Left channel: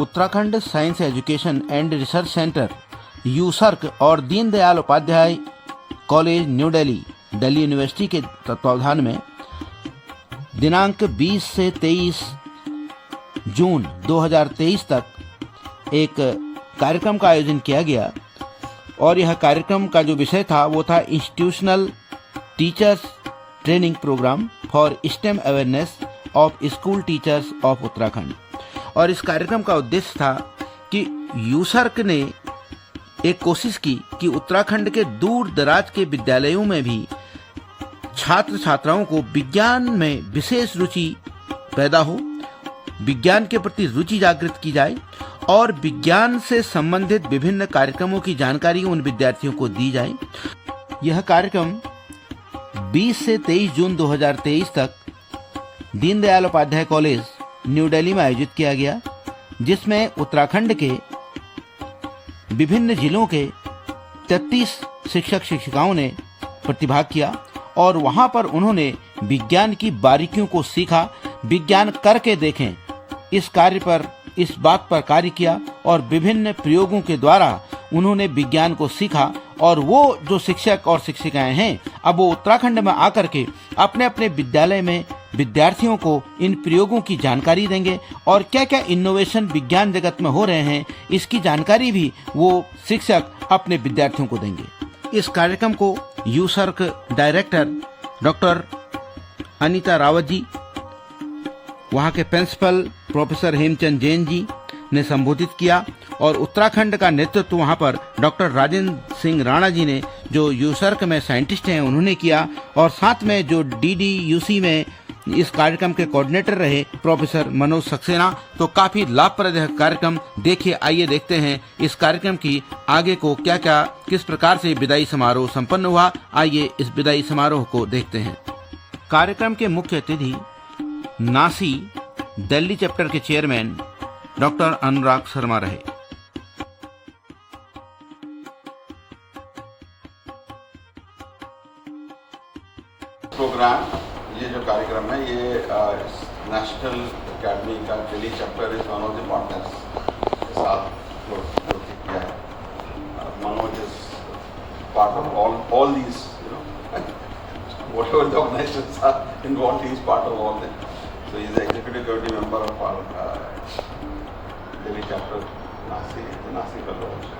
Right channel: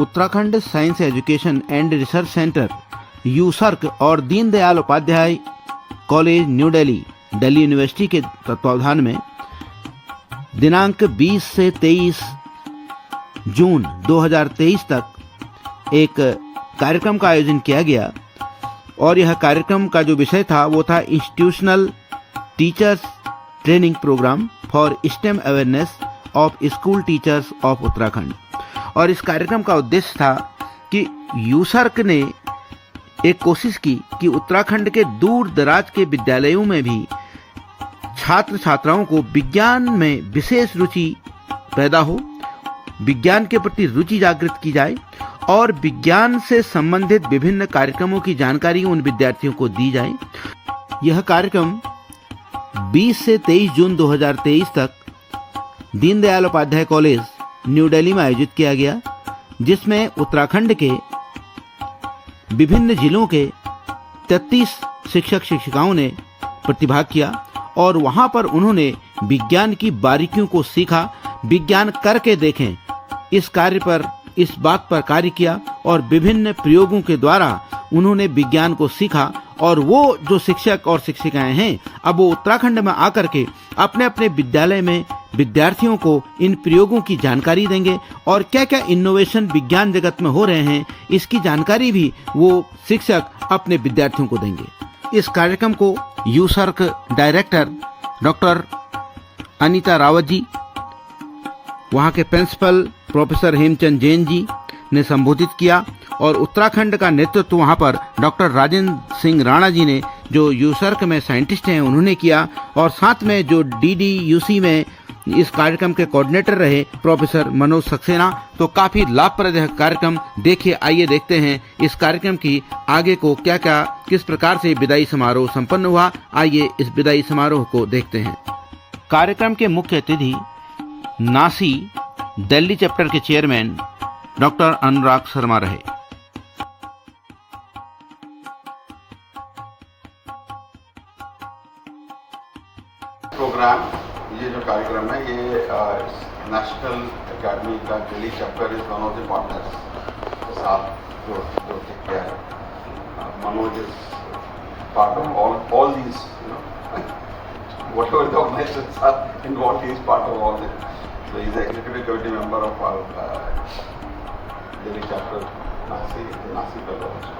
Uttarakhand science education and research centre USERC और Deendayal Upadhyaya college New Delhi, Delhi university के तत्वावधान में दिनांक 20 से 23 जून 2023 तक एक कार्यक्रम का आयोजन किया गया और यह कार्यक्रम का जो विषय था वो था institutional teachers training programme for STEM awareness of school teachers of Uttarakhand. और इस कार्यक्रम का उद्देश्य था कि यूसर्क ने एक कोशिश की कि उत्तराखंड के दूर दराज के विद्यालयों में भी छात्र छात्राओं को विज्ञान में विशेष रुचि पैदा हो, विज्ञान के प्रति रुचि जागृत की जाए और विज्ञान से संबंधित विभिन्न कार्यक्रमों की जानकारी उन विद्यार्थियों को दी जाए। यह कार्यक्रम 20 से 23 जून 2023 तक दीनदयाल उपाध्याय कॉलेज न्यू दिल्ली में आयोजित किया गया, जिसमें उत्तराखंड के विभिन्न जिलों के 33 शिक्षक शिक्षिकाओं ने प्रतिभाग किया और वहां पर उन्होंने विज्ञान की बारीकियों को सीखा, विज्ञान करके देखें इस बात पर कार्य किया और विभिन्न प्रयोगों के द्वारा उन्होंने विज्ञान को सीखा। और वो जो शिक्षक और शिक्षिकाएं हैं अब वो उत्तराखंड में आकर के अपने अपने विद्यालय में विद्यार्थियों को इन प्रयोगों की जानकारी देंगे और क्या क्या इनोवेशन विज्ञान जगत में हो रहे हैं इसकी जानकारी भी वो शिक्षक अपने विद्यार्थियों को देंगे। इस कार्यक्रम को यूसर्क डायरेक्टर डॉक्टर अनीता रावत जी, वहां के प्रिंसिपल प्रोफेसर हेमचंद जैन जी ने संबोधित किया और उत्तराखंड का नेतृत्व वहां पर डॉक्टर राजेंद्र सिंह राणा जी ने, जो यूसर्क में साइंटिस्ट हैं, उन्होंने किया। और साथ में जो DDUC में इस कार्यक्रम के कोऑर्डिनेटर रहे प्रोफेसर मनोज सक्सेना। तो काफी लाभप्रद कार्यक्रम देखिए, आइए देखते हैं इस कार्यक्रम की आगे को किस प्रकार से विदाई समारोह संपन्न हुआ। आइए इस विदाई समारोह को देखते हैं। कार्यक्रम के मुख्य अतिथि नासी दिल्ली चैप्टर के चेयरमैन डॉक्टर अनुराग शर्मा रहे। प्रोग्राम, ये जो कार्यक्रम है ये नेशनल एकेडमी का Delhi chapter is one of the partners के साथ जो किया है। Manoj is part of all these, whatever the organizations are involved, he is part of all that. So he is the executive committee member of our Delhi chapter, Nasi fellow also.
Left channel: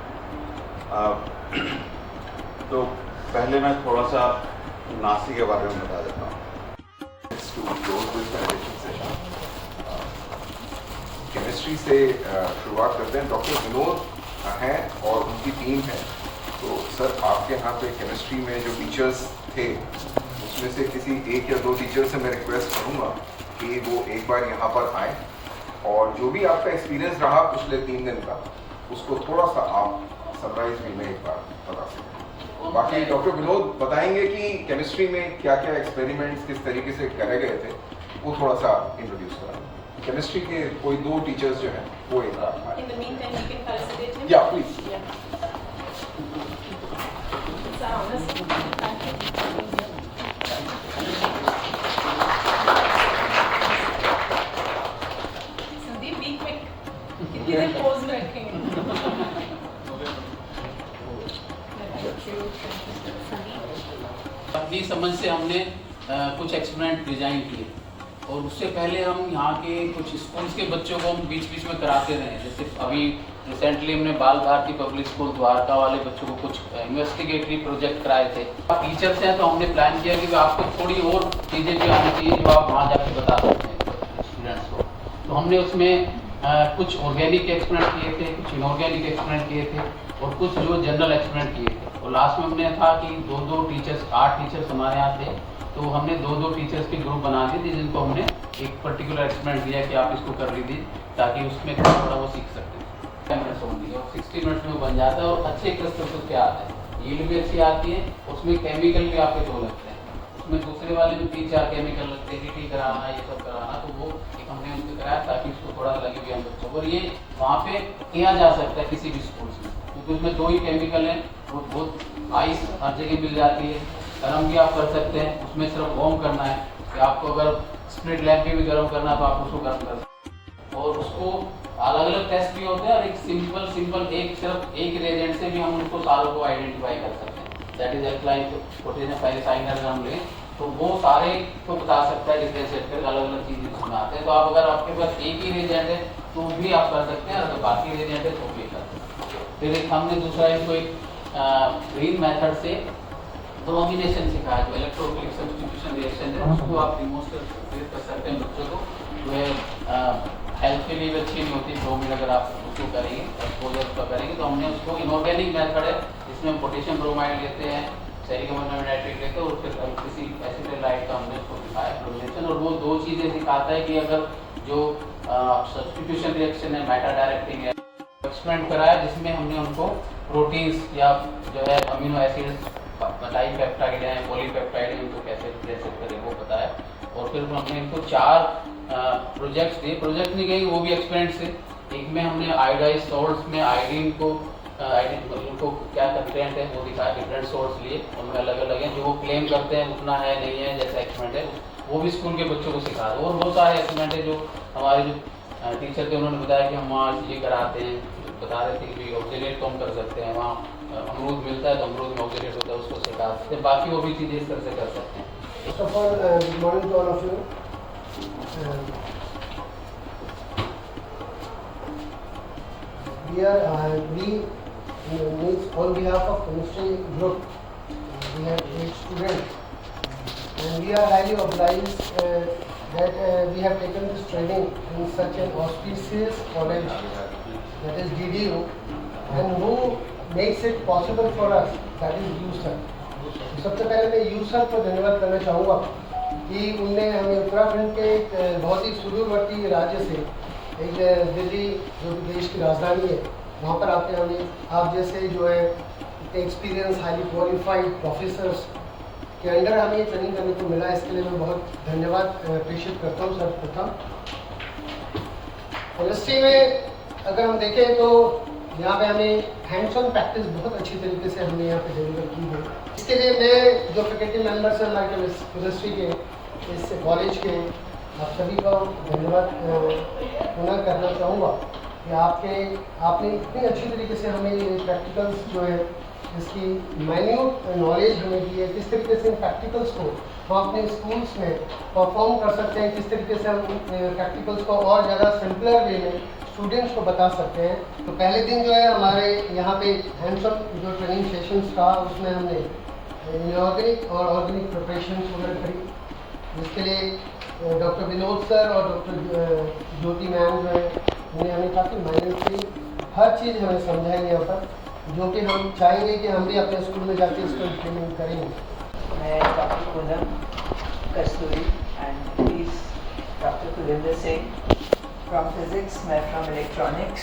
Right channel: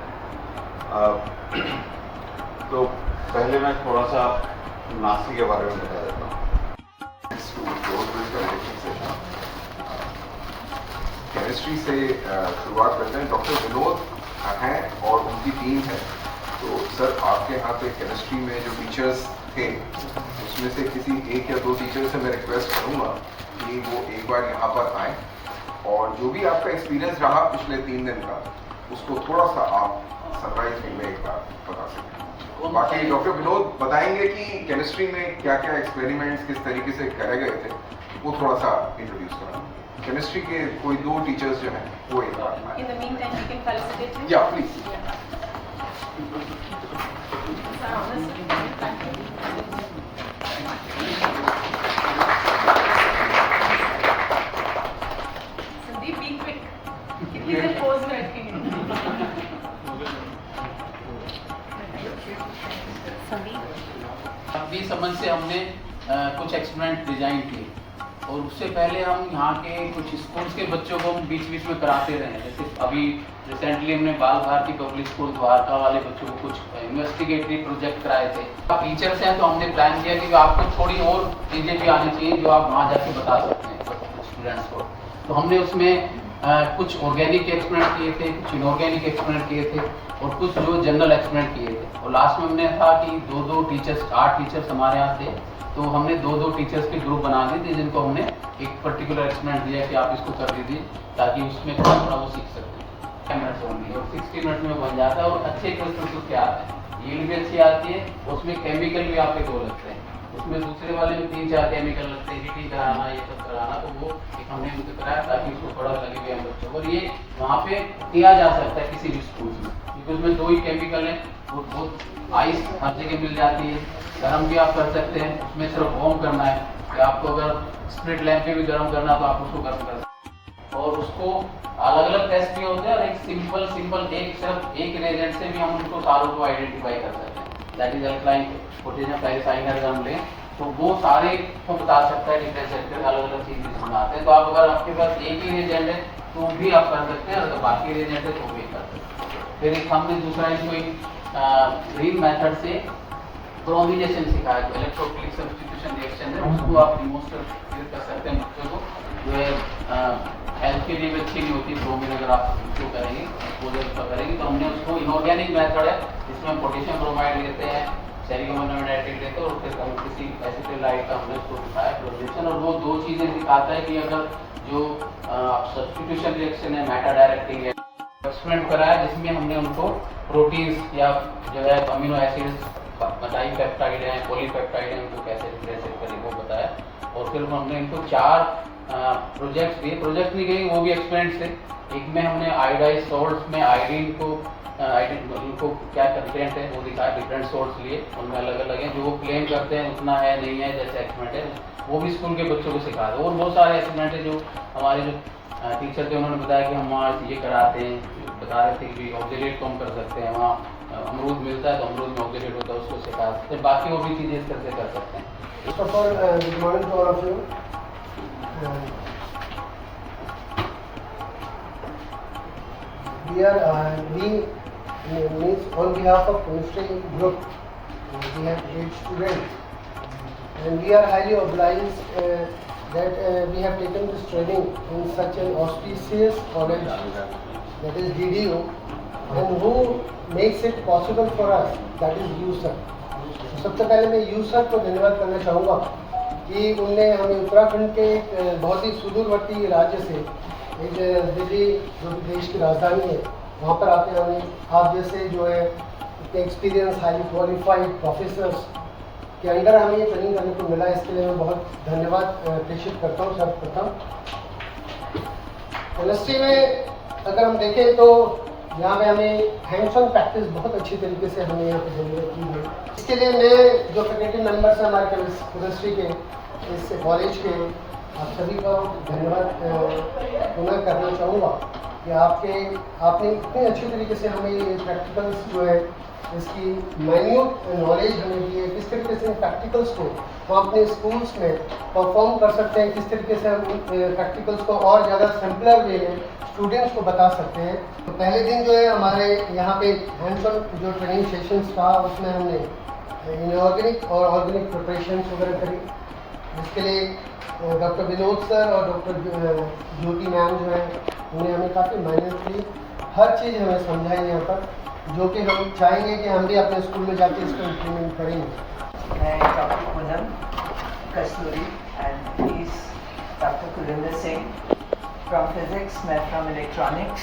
तो पहले मैं थोड़ा सा नासी के बारे में बता देता हूँ। केमिस्ट्री से शुरुआत करते हैं। डॉक्टर विनोद हैं और उनकी टीम है। तो सर, आपके यहाँ पे केमिस्ट्री में जो टीचर्स थे उसमें से किसी एक या दो टीचर से मैं रिक्वेस्ट करूँगा कि वो एक बार यहाँ पर आए और जो भी आपका एक्सपीरियंस रहा पिछले 3 दिन का उसको थोड़ा सा आप सरप्राइज वे में एक बार बता सकते। बाकी डॉक्टर विनोद बताएंगे कि केमिस्ट्री में क्या क्या एक्सपेरिमेंट्स किस तरीके से करे गए थे, वो थोड़ा सा इंट्रोड्यूस करा। केमिस्ट्री के कोई 2 टीचर्स जो हैं वो एक बार आए। In the meantime, you can felicitate him. Yeah, please. Sandeep, be quick. कितनी देर pose में रखेंगे? अपनी समझ से हमने कुछ एक्सपेरिमेंट डिजाइन किए और उससे पहले हम यहाँ के कुछ स्कूल्स के बच्चों को हम बीच बीच में कराते रहे हैं। जैसे अभी रिसेंटली हमने बाल भारती पब्लिक स्कूल द्वारका वाले बच्चों को कुछ इन्वेस्टिगेटरी प्रोजेक्ट कराए थे। आप टीचर्स हैं तो हमने प्लान किया कि आपको थोड़ी और चीज़ें भी आनी चाहिए जो आप वहाँ जाके बता सकते हैं स्टूडेंट्स को। तो हमने उसमें कुछ ऑर्गेनिक एक्सपेरिमेंट किए थे, कुछ इनऑर्गेनिक एक्सपेरिमेंट किए थे और कुछ जो जनरल एक्सपेरिमेंट किए थे। और लास्ट में हमने था कि 2-2 टीचर्स, 8 टीचर्स हमारे यहाँ थे, तो हमने 2-2 टीचर्स के ग्रुप बना दिए थे जिनको हमने एक पर्टिकुलर एक्सपेरिमेंट दिया कि आप इसको कर लीजिए ताकि उसमें थोड़ा वो सीख सकते हैं। मिनट्स होंगी और 60 मिनट्स में बन जाता है और अच्छे क्वेश्चन उसके आते हैं, यील्ड भी अच्छी आती है। उसमें केमिकल भी आपके 2 लगते हैं, उसमें दूसरे वाले में 3-4 केमिकल लगते हैं, हीटिंग कराना, ये सब कराना। तो वो एक हमने उनको कराया ताकि उसको थोड़ा लगे भी हम बच्चों को। और ये वहाँ पे किया जा सकता है किसी भी स्कूल में, क्योंकि उसमें 2 ही केमिकल है। वो बहुत आइस हर जगह मिल जाती है, गर्म भी आप कर सकते हैं। उसमें सिर्फ वार्म करना है कि आपको अगर स्प्लिट लैंप पे भी गर्म करना तो आप उसको गर्म कर सकते हैं। और उसको अलग अलग टेस्ट भी होते हैं और एक सिंपल सिर्फ एक रिएजेंट से भी हम उनको सारों को आइडेंटिफाई कर सकते हैं। दैट इज अल्कलाइन पोटेशियम पेरिसाइनाइड हम लें तो वो सारे को बता सकता है डिफरेंशिएट करके अलग अलग चीज़ इसमें आते हैं। तो आप अगर आपके पास एक ही रिएजेंट है तो भी आप कर सकते हैं, अगर बाकी रिएजेंट है तो भी कर सकते हैं। फिर एक हमने दूसरा इसको एक ग्रीन मेथड से ब्रोमिनेशन सिखाया, जो इलेक्ट्रोफिलिक सब्स्टिट्यूशन रिएक्शन है उसको आप डिमोन्स्ट्रेट कर सकते हैं बच्चों को, जो है हेल्थ के लिए भी अच्छी नहीं होती ब्रोमीन अगर आप उसको करेंगे एक्सपोजर का करेंगे। तो हमने उसको इनऑर्गेनिक मेथड है जिसमें पोटेशियम ब्रोमाइड लेते हैं, सेरियम नाइट्रेट लेते हैं और फिर किसी एसिटाइलाइट का हमने उसको सिखाया ब्रोमिनेशन। और वो दो चीज़ें सिखाता है कि अगर जो सब्स्टिट्यूशन रिएक्शन है मेटा डायरेक्टिंग है, एक्सपेरिमेंट कराया जिसमें हमने उनको प्रोटीन्स या जो है अमीनो एसिड्स डाइपेप्टाइड है पॉलीपेप्टाइड है उनको कैसे करेगा बताया। और फिर हमने इनको 4 प्रोजेक्ट्स दिए, प्रोजेक्ट नहीं गई वो भी एक्सपेरिमेंट से। एक में हमने आयोडाइज सोल्ट्स में आयोडीन को उनको क्या कंटेंट है वो दिखाया, डिफरेंट सोर्स लिए उनमें अलग अलग हैं, जो वो क्लेम करते हैं उतना है नहीं है जैसे एक्सपेरिमेंट है वो भी स्कूल के बच्चों को सिखा दो। और बहुत सारे एक्सपेरिमेंट है जो हमारे जो टीचर थे उन्होंने बताया कि हम वहाँ ये कराते हैं, बता रहे थे कि ऑक्सीडेट तो हम कर सकते हैं, वहाँ अमरूद मिलता है तो अमरूद में ऑक्सीडेट होता है उसको सिखा सकते हैं, बाकी वो भी चीज़ें इस तरह से कर सकते हैं। First of all, good morning to all of you. We means on behalf of chemistry group, we have 8 students, and we are highly obliged that we have taken this training in such an auspicious college, that is DDU, and who makes it possible for us, that is USAR. सबसे पहले मैं user को धन्यवाद करना चाहूँगा कि उनने हमें उत्तराखंड के एक बहुत ही सुदूरवर्ती राज्य से एक दिल्ली जो कि देश की राजधानी है वहाँ पर आके हमें आप जैसे जो है एक्सपीरियंस हाईली क्वालिफाइड प्रोफेसर्स के अंडर हमें ये ट्रेनिंग करने को मिला। इसके लिए मैं बहुत धन्यवाद प्रेषित करता हूँ सर्वप्रथम। केमिस्ट्री में अगर हम देखें तो यहाँ पे हमें हैंड्स ऑन प्रैक्टिस बहुत अच्छी तरीके से हमने यहाँ पे डिलीवर की है। इसके लिए मैं जो फैकल्टी मेंबर्स हैं हमारे केमिस्ट्री के इस कॉलेज के आप सभी का धन्यवाद पुनः करना चाहूँगा कि आपने इतनी अच्छी तरीके से हमें ये प्रैक्टिकल्स जो है इसकी माइन्यूट नॉलेज हमें दी है, किस तरीके से इन प्रैक्टिकल्स को हम अपने स्कूल्स में परफॉर्म कर सकते हैं, किस तरीके से हम प्रैक्टिकल्स को और ज़्यादा सिंपलर वे में स्टूडेंट्स को बता सकते हैं। तो पहले दिन जो है हमारे यहाँ पे हैंड्स ऑन जो ट्रेनिंग सेशंस था उसमें हमने इनऑर्गेनिक और ऑर्गेनिक प्रिपरेशन वगैरह करी, जिसके लिए डॉक्टर विनोद सर और डॉक्टर ज्योति मैम जो है उन्हें हमें काफ़ी मेहनत की, हर चीज़ हमें समझाई यहाँ पर, जो कि हम चाहेंगे कि हम भी अपने स्कूल में जाके इसको इम्प्लीमेंट करेंगे। मैं doctor Poonam Kasturi and please doctor Kulinder Singh from physics, मैं फ्रॉम इलेक्ट्रॉनिक्स।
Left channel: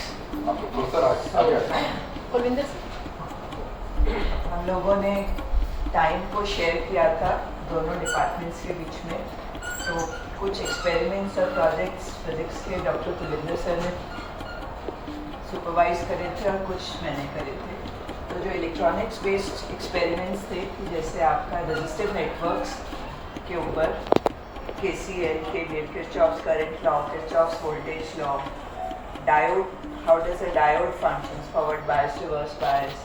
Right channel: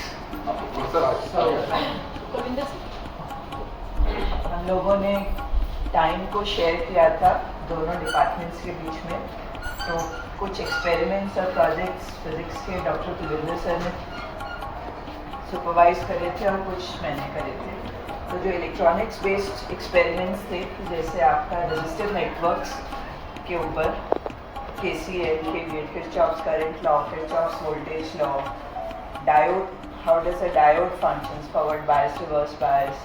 हम लोगों ने टाइम को शेयर किया था दोनों डिपार्टमेंट्स के बीच में, तो कुछ एक्सपेरिमेंट्स और प्रोजेक्ट्स फिजिक्स के डॉक्टर कुलिंदर सर ने सुपरवाइज करे थे और कुछ मैंने करे थे। तो जो इलेक्ट्रॉनिक्स बेस्ड एक्सपेरिमेंट्स थे, जैसे आपका रेजिस्टिव नेटवर्क्स के ऊपर KCL, KVL, Kirchhoff's current law, Kirchhoff's voltage law, diode, how does a diode functions, forward bias, reverse bias,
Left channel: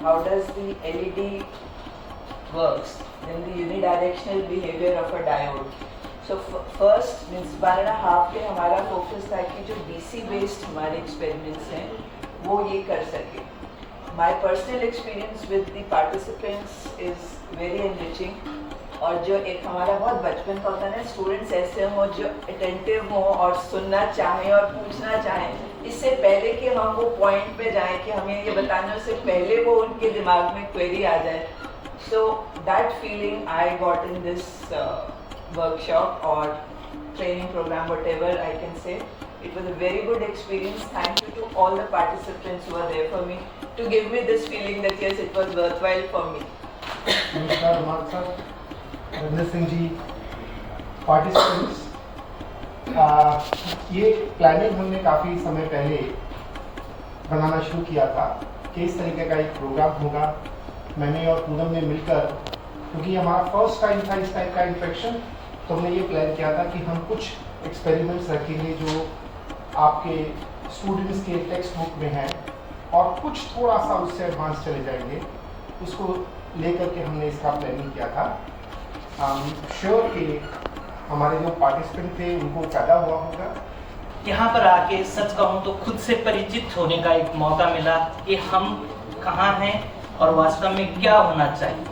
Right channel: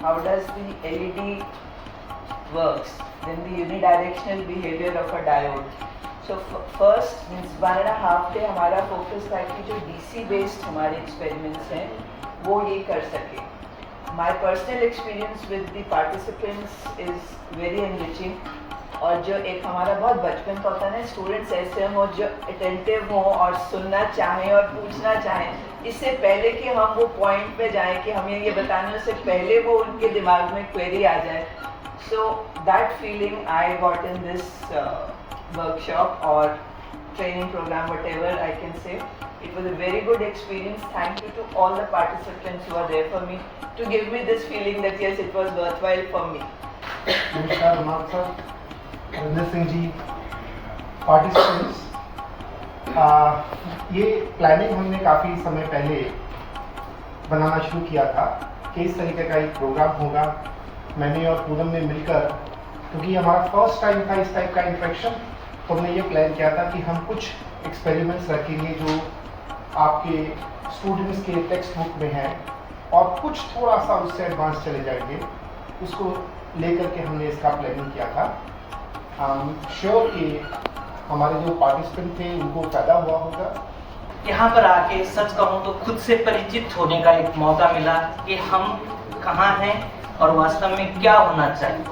how does the LED works, then the unidirectional behavior of a diode. So first means 1.5 day हमारा focus था कि जो DC based हमारे experiments हैं वो ये कर सके। My personal experience with the participants is very enriching, और जो एक हमारा बहुत बचपन का होता है ना, स्टूडेंट्स ऐसे हों जो अटेंटिव हों और सुनना चाहें और पूछना चाहें, इससे पहले कि हम वो पॉइंट पे जाएं कि हमें ये बताने से पहले वो उनके दिमाग में क्वेरी आ जाए। So that feeling I got in this workshop और training program, whatever I can say. It was a very good experience. Thank you to all the participants who are there for me to give me this feeling that yes, it was worthwhile for me. नमस्कार मानसा Ravinder Singh ji, participants, ये planning हमने काफ़ी समय पहले बनाना शुरू किया था कि इस तरीके का एक प्रोग्राम होगा। मैंने और पूनम ने मिलकर, क्योंकि हमारा फर्स्ट टाइम था इस टाइप का इंट्रैक्शन, तो हमने ये प्लान किया था कि हम कुछ एक्सपेरिमेंट्स रखेंगे जो आपके स्टूडेंट्स के टेक्स्ट बुक में है और कुछ थोड़ा सा उससे एडवांस चले जाएंगे, उसको लेकर के हमने इसका प्लानिंग किया था। श्योर कि हमारे जो पार्टिसिपेंट थे उनको फ़ायदा हुआ होगा। यहाँ पर आके सच कहूँ तो खुद से परिचित होने का एक मौका मिला कि हम कहाँ हैं और वास्तव में क्या होना चाहिए।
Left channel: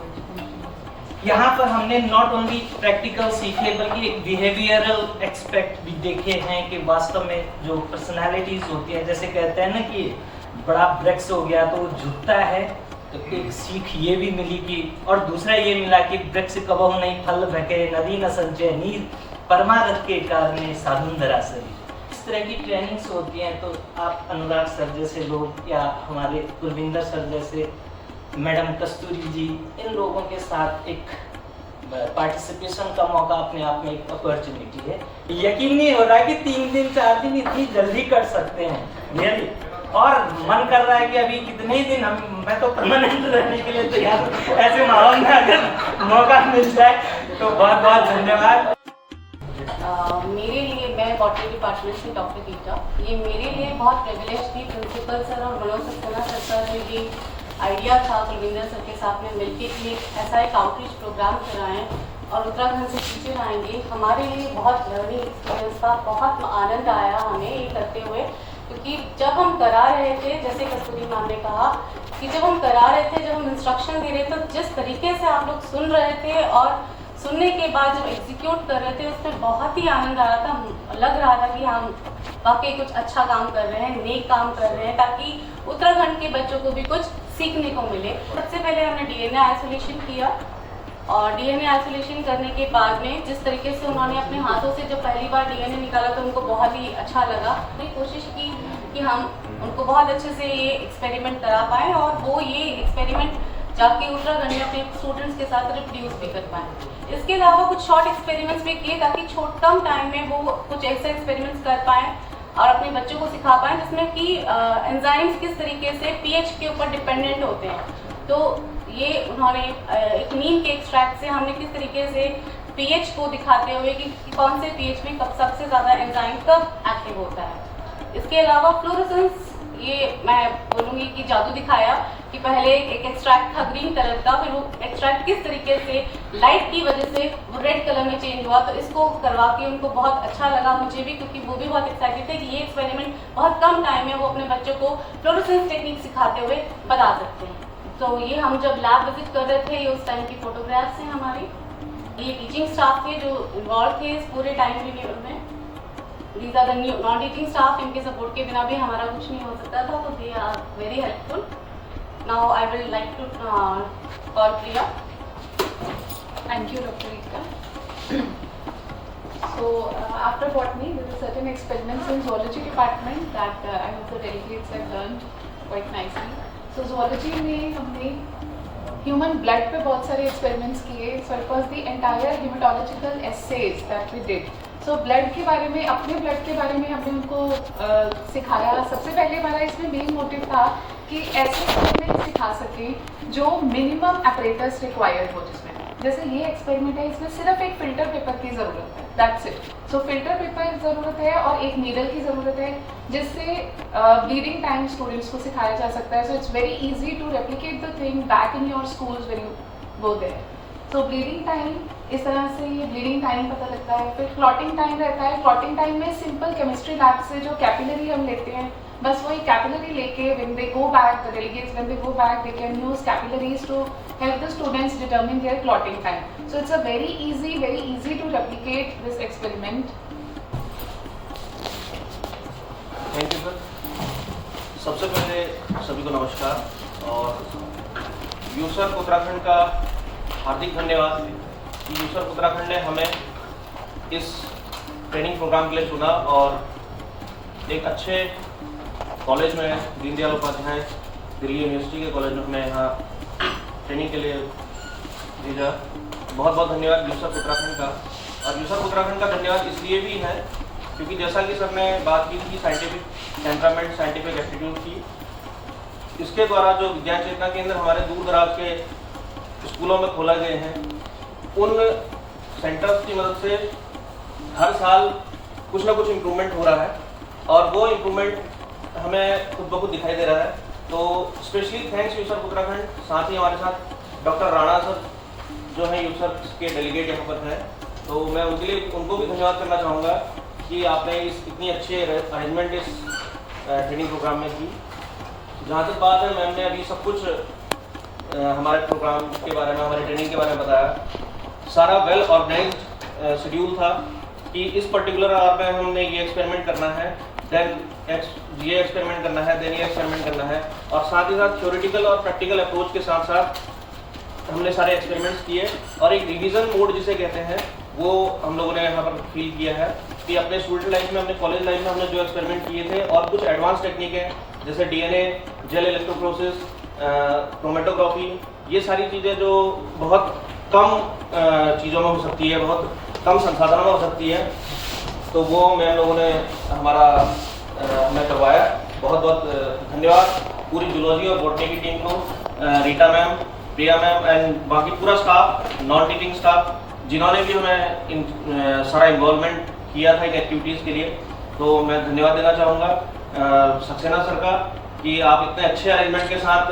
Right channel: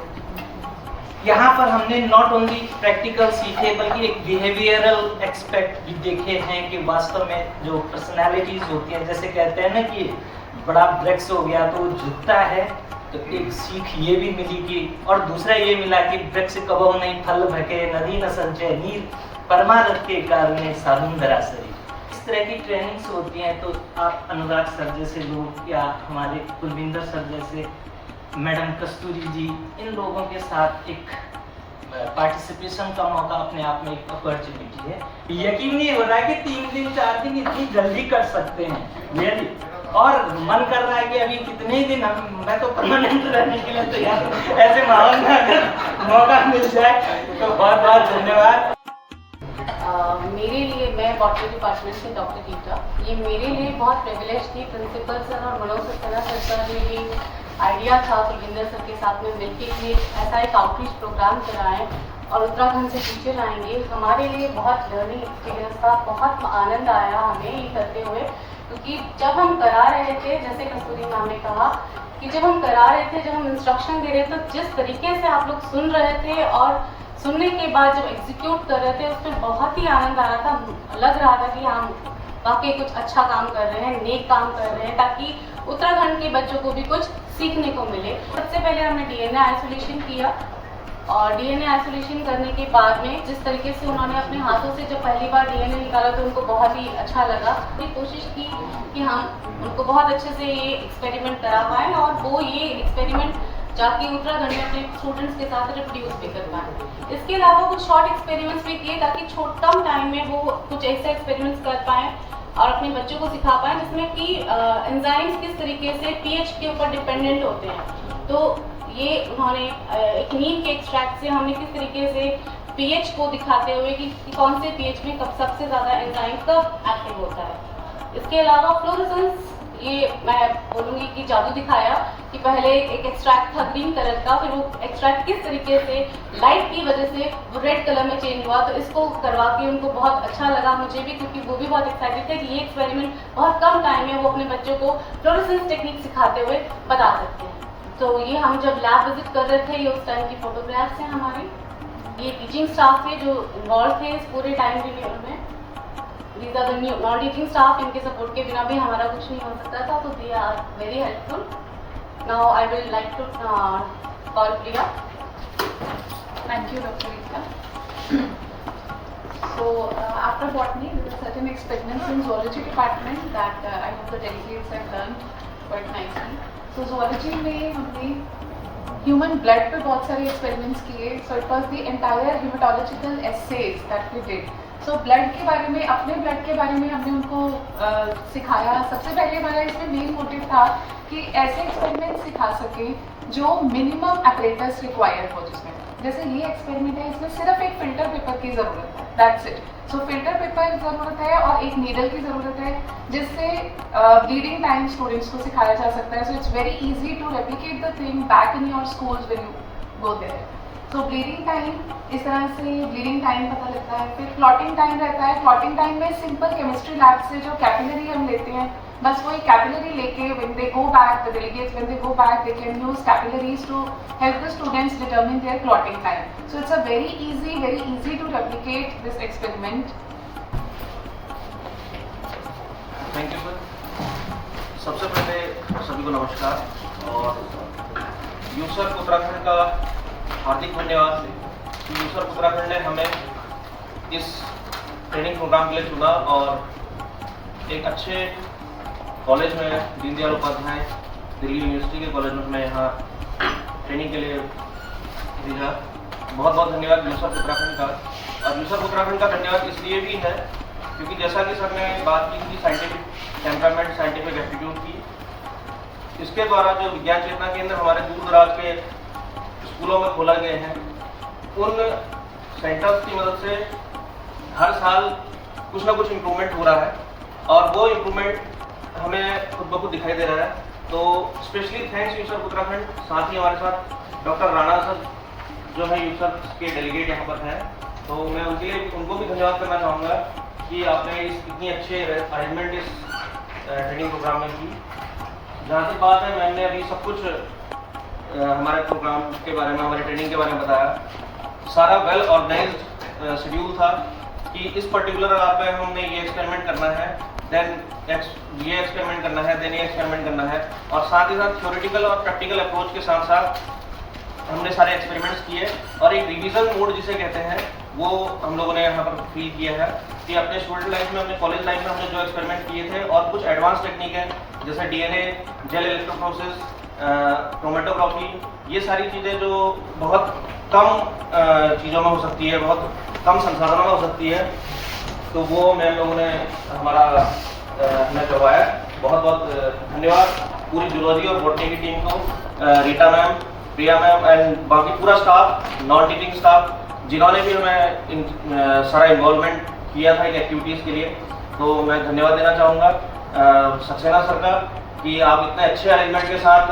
यहाँ पर हमने नॉट ओनली प्रैक्टिकल सीखे बल्कि एक बिहेवियरल एस्पेक्ट भी देखे हैं कि वास्तव में जो पर्सनालिटीज़ होती हैं, जैसे कहते हैं ना कि बड़ा वृक्ष हो गया तो वो झुकता है, तो एक सीख ये भी मिली कि, और दूसरा ये मिला कि वृक्ष कबहु नहीं फल भके, नदी न संचय नीर, परमारथ के कारणे साधुन दरासरी। इस तरह की ट्रेनिंग्स होती हैं तो आप अनुराग सर जैसे लोग या हमारे कुलविंदर सर जैसे, मैडम कस्तूरी जी, इन लोगों के साथ एक पार्टिसिपेशन का मौका अपने आप में एक अपॉर्चुनिटी है। यकीन नहीं हो रहा है कि 3 दिन 4 दिन इतनी जल्दी कर सकते हैं रियली, और मन कर रहा है कि अभी कितने ही दिन मैं तो परमानेंट रहने के लिए तैयार हूँ। ऐसे माहौल में अगर मौका मिल जाए तो बहुत बहुत धन्यवाद। मेरे लिए, मैं बॉटनी डिपार्टमेंट से डॉक्टर गीता, ये मेरे लिए बहुत प्रिविलेज थी। प्रिंसिपल सर और मनोज सक्सेना सर का ये आइडिया था कुलविंदर सर के साथ में मिलकर कि ऐसा एक आउटरीच प्रोग्राम कराएं और उत्तराखंड से टीचर आएंगे। हमारे लिए बहुत लर्निंग एक्सपीरियंस था, बहुत आनंद आया हमें ये करते हुए, क्योंकि जब हम करा रहे थे, जैसे कस्तूरी मैम ने कहा कि जब हम करा रहे थे, जब हम इंस्ट्रक्शन दे रहे थे, जिस तरीके से आप लोग सुन रहे थे और सुनने के बाद जब एग्जीक्यूट कर रहे थे उसमें बहुत ही आनंद आ रहा था। लग रहा था कि हम वाकई कुछ अच्छा काम कर रहे हैं, नेक काम कर रहे हैं, ताकि उत्तराखंड के बच्चों को भी कुछ सीखने को मिले। सबसे पहले हमने डीएनए आइसोलेशन किया और डीएनए आइसोलेशन करने के बाद में जिस तरीके से उन्होंने अपने हाथों से जब पहली बार डीएनए निकाला तो उनको बहुत ही अच्छा लगा। तो कोशिश की कि हम उनको बहुत अच्छे से ये एक्सपेरिमेंट करा पाएँ और वो ये एक्सपेरिमेंट जाके उत्तराखंड में अपने स्टूडेंट्स के साथ रिप्रोड्यूस भी कर पाएँ। इसके अलावा कुछ शॉर्ट एक्सपेरिमेंट्स भी किए ताकि कम टाइम में वो कुछ ऐसे एक्सपेरिमेंट्स कर पाएँ और अपने बच्चों को सिखा पाएँ जिसमें कि एंजाइम्स किस तरीके से पीएच के ऊपर डिपेंडेंट होते हैं। तो ये उन्होंने एक नीम के एक्सट्रैक्ट से हमने किस तरीके से पीएच को दिखाते हुए कि कौन से पीएच में कब सबसे ज़्यादा एंजाइम कब एक्टिव होता है। इसके अलावा फ्लोरोसेंस, ये मैं बोलूँगी कि जादू दिखाया कि पहले एक एक्सट्रैक्ट था ग्रीन कलर का, फिर वो एक्सट्रैक्ट किस तरीके से लाइट की वजह से वो रेड कलर में चेंज हुआ। तो इसको करवा के उनको बहुत अच्छा लगा, मुझे भी, क्योंकि वो भी बहुत एक्साइटेड थे कि ये एक्सपेरिमेंट बहुत कम टाइम में वो अपने बच्चों को फ्लोरोसेंस टेक्निक सिखाते हुए बता सकते हैं। तो ये हम जब लैब विजिट कर रहे थे, ये उस टाइम की फोटोग्राफ्स हैं हमारी। ये टीचिंग स्टाफ थे जो इन्वॉल्व थे इस पूरे टाइम पीरियड में। These are the non teaching staff, इनके सपोर्ट के बिना भी हमारा कुछ नहीं हो सकता था, तो they are very helpful. Now I will like to call Priya. Thank you, Dr. Rita. So after botany, there are certain experiments in zoology department that I hope the delegates have learned quite nicely. So zoology में हमने human blood पे बहुत सारे experiments किए। So it was the entire haematological assays that we did. So blood के बारे में, अपने ब्लड के बारे में हमने उनको सिखाया। सबसे पहले हमारा इसमें मेन मोटिव था कि ऐसे एक्सपेरिमेंट सिखा सकें जो मिनिमम अपरेटस रिक्वायर्ड हो, जिसमें जैसे ये एक्सपेरिमेंट है, इसमें सिर्फ एक फिल्टर पेपर की ज़रूरत है, that's it. So filter paper की ज़रूरत है और एक नीडल की ज़रूरत है, जिससे ब्लीडिंग टाइम स्टूडेंट्स को सिखाया जा सकता है। So it's very easy to replicate the thing back in your schools when you go there. So bleeding time, इस तरह से ब्लीडिंग टाइम पता लगता है। फिर क्लॉटिंग टाइम रहता है। क्लॉटिंग टाइम में सिंपल केमिस्ट्री लैब से जो कैपिलरी हम लेते हैं, बस वही कैपिलरी लेके when they go back, the delegates when they go back, they can use capillaries to help the students determine their clotting time. So it's a very easy to replicate this experiment. Thank you sir. सबसे पहले सभी को नमस्कार और यूसर्क उत्तराखंड का हार्दिक धन्यवाद कि यूसर्क उत्तराखंड ने हमें इस ट्रेनिंग प्रोग्राम के लिए चुना और एक अच्छे कॉलेज में, दीनदयाल उपाध्याय दिल्ली यूनिवर्सिटी के कॉलेज में मैं यहाँ ट्रेनिंग के लिए भेजा। बहुत बहुत धन्यवाद यूसर्क उत्तराखंड का। और यूसर्क उत्तराखंड का धन्यवाद इसलिए भी है क्योंकि जैसा कि सर ने बात की थी साइंटिफिक टेम्परामेंट, साइंटिफिक एप्टीट्यूड की, इसके द्वारा जो विज्ञान चेतना केंद्र हमारे दूर दराज के स्कूलों में खोला गए हैं, उन सेंटर्स की मदद से हर साल कुछ ना कुछ इम्प्रूवमेंट हो रहा है और वो इम्प्रूवमेंट हमें खुद ब खुद दिखाई दे रहा है। तो स्पेशली थैंक्स यूसर्क उत्तराखंड, साथ ही हमारे साथ डॉक्टर राणा सर जो है यूसर्क के डेलीगेट यहाँ पर हैं, तो मैं उनको भी धन्यवाद करना चाहूँगा कि आपने इतनी अच्छे अरेंजमेंट इस ट्रेनिंग प्रोग्राम में की। जहाँ तक बात है, मैंने अभी सब कुछ हमारे प्रोग्राम के बारे में, हमारे ट्रेनिंग के बारे में बताया। सारा वेल ऑर्गेनाइज्ड शेड्यूल था कि इस पर्टिकुलर आवर में हमने ये एक्सपेरिमेंट करना है, देन ये एक्सपेरिमेंट करना है, देन ये एक्सपेरिमेंट करना है, और साथ ही साथ थ्योरेटिकल और प्रैक्टिकल अप्रोच के साथ साथ हमने सारे एक्सपेरिमेंट्स किए। और एक रिवीजन मोड जिसे कहते हैं वो हम लोगों ने यहाँ पर फील किया है कि अपने स्टूडेंट लाइफ में, अपने कॉलेज लाइफ में हमने जो एक्सपेरिमेंट किए थे और कुछ एडवांस टेक्निक है जैसे डीएनए, जेल इलेक्ट्रोफोरेसिस, क्रोमेटोग्राफी, ये सारी चीज़ें जो बहुत कम चीज़ों में हो सकती है, बहुत कम संसाधनों में हो सकती है, तो वो मैं लोगों ने हमें करवाया। बहुत बहुत धन्यवाद पूरी जूलॉजी और बॉटनी की टीम को, Rita ma'am, Priya ma'am and बाकी पूरा स्टाफ, नॉन टीचिंग स्टाफ, जिन्होंने भी हमें सारा इन्वॉल्वमेंट किया था इन एक्टिविटीज़ के लिए। तो मैं धन्यवाद देना चाहूँगा सक्सेना सर का कि आप इतने अच्छे अरेंजमेंट के साथ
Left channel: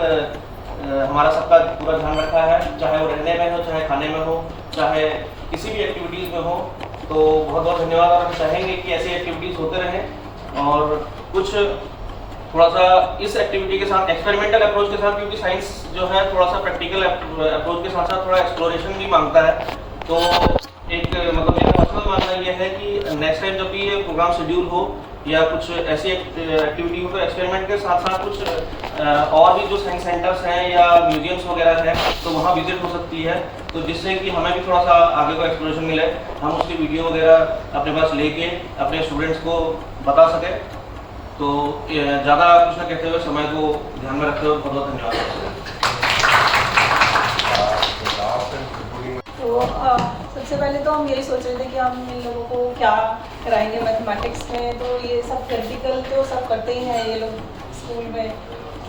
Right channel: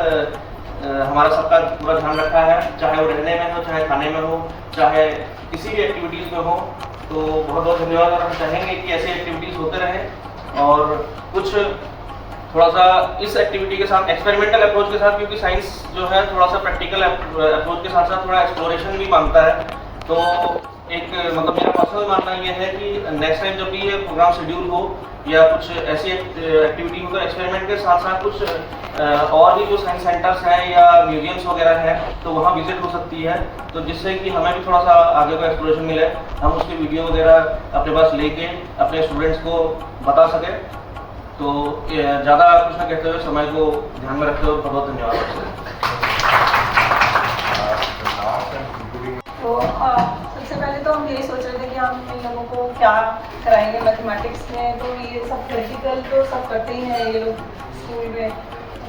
हमारा सबका पूरा ध्यान रखा है, चाहे वो रहने में हो, चाहे खाने में हो, चाहे किसी भी एक्टिविटीज़ में हो। तो बहुत बहुत धन्यवाद, और हम चाहेंगे कि ऐसी एक्टिविटीज़ होते रहें। और कुछ थोड़ा सा इस एक्टिविटी के साथ एक्सपेरिमेंटल अप्रोच के साथ, क्योंकि साइंस जो है थोड़ा सा प्रैक्टिकल अप्रोच के साथ साथ थोड़ा एक्सप्लोरेशन भी मांगता है। तो एक मतलब मेरा पर्सनल मानना ये है कि नेक्स्ट टाइम जब भी ये प्रोग्राम शेड्यूल हो या कुछ ऐसी एक्टिविटी हो, तो एक्सपेरिमेंट के साथ साथ कुछ और भी जो साइंस सेंटर्स हैं या म्यूजियम्स वगैरह हैं, तो वहाँ विजिट हो सकती है, तो जिससे कि हमें भी थोड़ा सा आगे को एक्सप्लोरेशन मिले, हम उसकी वीडियो वगैरह अपने पास लेके अपने स्टूडेंट्स को बता सकें। तो ज़्यादा कुछ ना कहते हुए समय को ध्यान में रखते हुए बहुत बहुत धन्यवाद। तो सबसे पहले तो हम यही सोच रहे थे कि हम इन लोगों को क्या कराएंगे मैथमेटिक्स में। तो ये सब प्रैक्टिकल तो सब करते ही हैं, ये लोग स्कूल में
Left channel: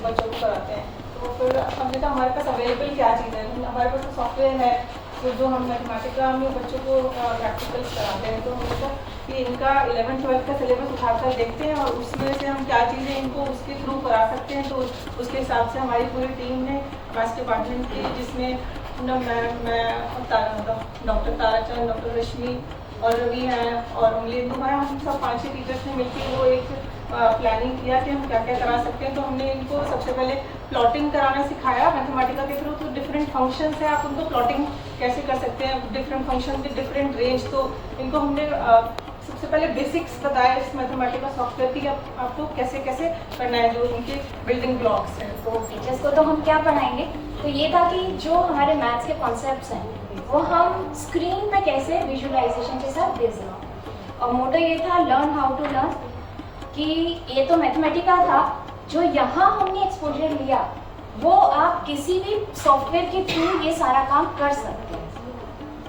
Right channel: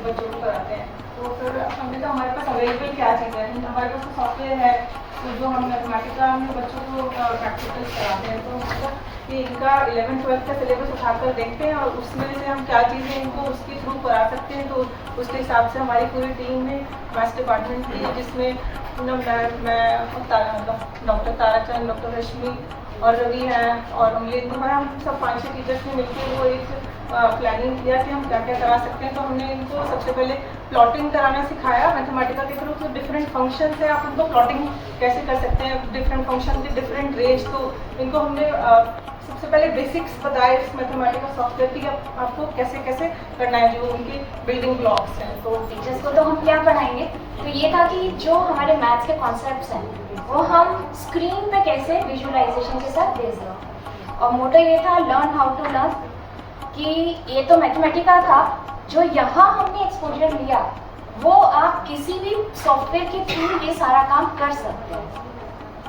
बच्चों को कराते हैं। तो फिर हमने कहा हमारे पास अवेलेबल क्या चीज़ है, हमारे पास तो सॉफ्टवेयर है, तो जो हम मैथमेटिक्स में बच्चों को प्रैक्टिकल्स कराते हैं। तो मतलब कि इनका 11th-12th का सिलेबस उठाकर देखते हैं और उसमें से हम क्या चीज़ें इनको उसके थ्रू करा सकते हैं। तो उसके हिसाब से हमारी पूरी टीम ने मैथ्स डिपार्टमेंट की, जिसमें मैं डॉक्टर ताराचंद, डॉक्टर रश्मि और रवि हैं और उंगली, तो हम सब 5-6 टीचर्स ने मिलकर वो एक प्लानिंग किया कि हम क्या क्या करा सकते हैं। तो हमने इनको सबसे पहले प्लॉटिंग कराना सिखाया मैथमेटिका के थ्रू। तो डिफरेंट फंक्शंस है, आप उनको प्लॉटिंग कैसे कर सकते हैं, डिफरेंट फंक्शन के डिफरेंट रेंज। तो इनको हमने सबसे पहले बेसिक्स बताया इस मैथमेटिकल सॉफ्टवेयर की, आपको कैसे कैसे करना है, जो उनके बिल्डिंग ब्लॉक्स हैं। तो टीचर्स को तो हम क्या पढ़ाएंगे, तो ये था कि जो हमारे मैथ्स के कॉन्सेप्ट्स हैं वो हम स्क्रीन पे कैसे विजुअलाइजेशन के साथ दे सकें। और मोटो ये था लर्न हाउ टू लर्न, कि ये तो मैथमेटिका था, जो यहाँ हमने एक्सपोजर लिया वो आप किसी भी सॉफ्टवेयर के थ्रू ये सारा काम कर सकते हैं।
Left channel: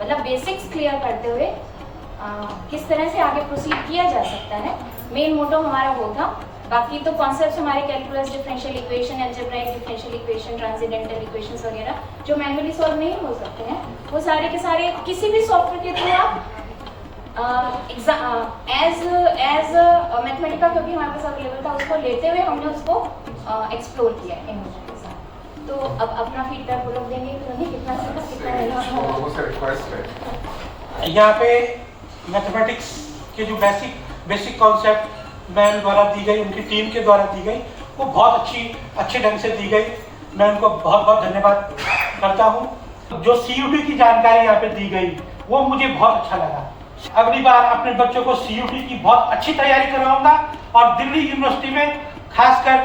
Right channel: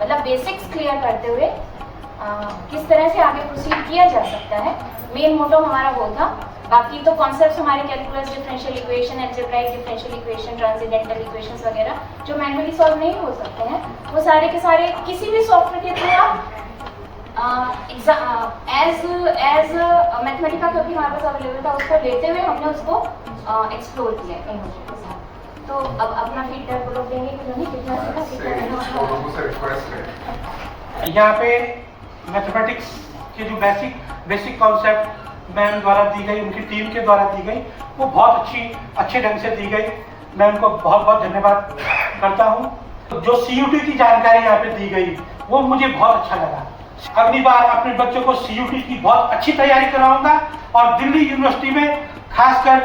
मतलब बेसिक्स क्लियर करते हुए किस तरह से आगे प्रोसीड किया जा सकता है, मेन मोटो हमारा वो था। बाकी तो कॉन्सेप्ट्स हमारे calculus, differential equation, algebraic differential equation, transcendental equations वगैरह जो मैनुअली सॉल्व नहीं हो सकते हैं, वो सारे के सारे किसी भी सॉफ्टवेयर के थ्रू आप एज मैथमेटिका का भी हमारे पास अवेलेबल था, उसको लेते हुए हमने उसको एक्सप्लोर किया इन लोगों के साथ। तो अब अपना फीडबैक वो लोग देंगे कि कितना सीखा, कितना नहीं। यहाँ पे मैथमेटिक्स के जो बेसिक कॉन्सेप्ट मैम द्वारा दी गई, उनकी टीम के द्वारा दी गई, वो बहुत अच्छे ढंग से दी गई। मैं उनको बहुत बहुत धन्यवाद करता हूँ। जो CUT की जानकारी यहाँ पे दी गई वो मुझे बहुत अच्छा लगा। अगली बार अपने बच्चों को CUT की बहुत अच्छी तैयारी कराऊंगा और दिल्ली यूनिवर्सिटी में खासकर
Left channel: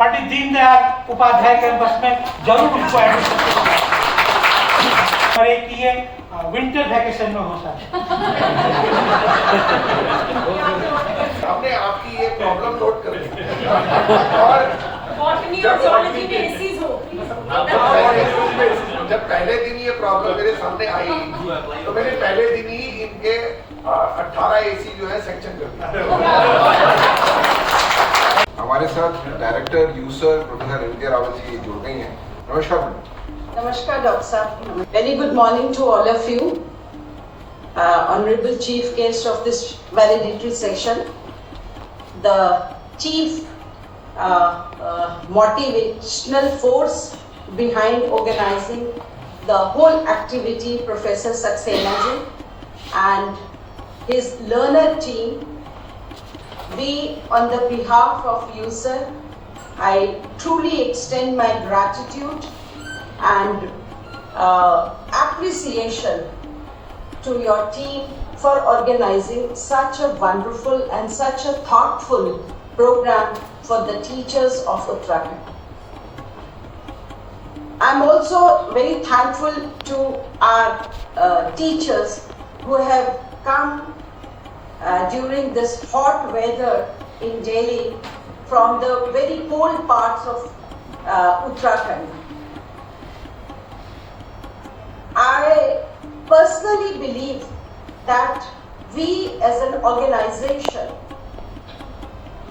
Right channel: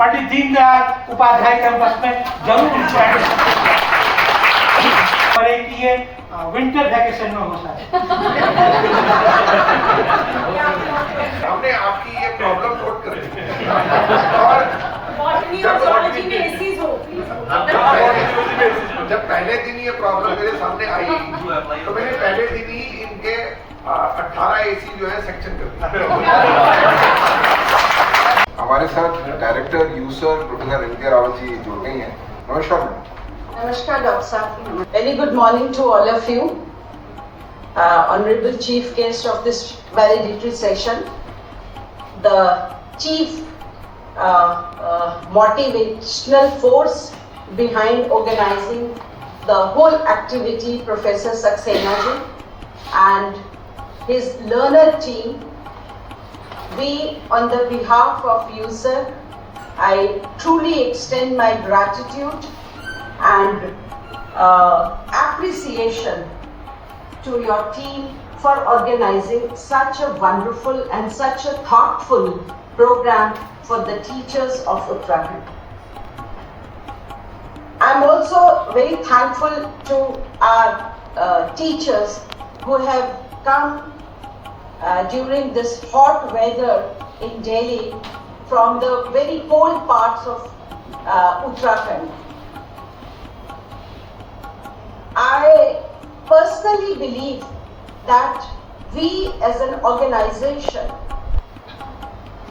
पंडित दीनदयाल उपाध्याय कैंपस में जरूर उनको एडमिशन करे कि ये विंटर वैकेशन में हो सकता हमने आपकी ये प्रॉब्लम नोट कर ली और जब पहले दिन ये प्रॉब्लम मेरे सामने आई तो मैंने पहले दिन ही इनके 18 AC जो है सेक्शन कर दिया। हमारे साथ डायरेक्टर यूसर प्रोफेसर एन के रावत जी जुड़ गई हैं। नमस्कार madam. Namaskar, Dr. Sir. Very good morning to all of you. Honorable Chief Guest of this valedictory session, the Chief motivational force behind organizing the whole activity, Professor Saxena ji and his learner team. We, on the behalf of USARK, I truly extend my gratitude and appreciation to your team for organizing such a wonderful and such a thoughtful program for the teachers of Uttarakhand. I'm also very thankful to our teachers who have come during this hot weather in Delhi from the very cold parts of Uttarakhand. I personally believe that we as an organization,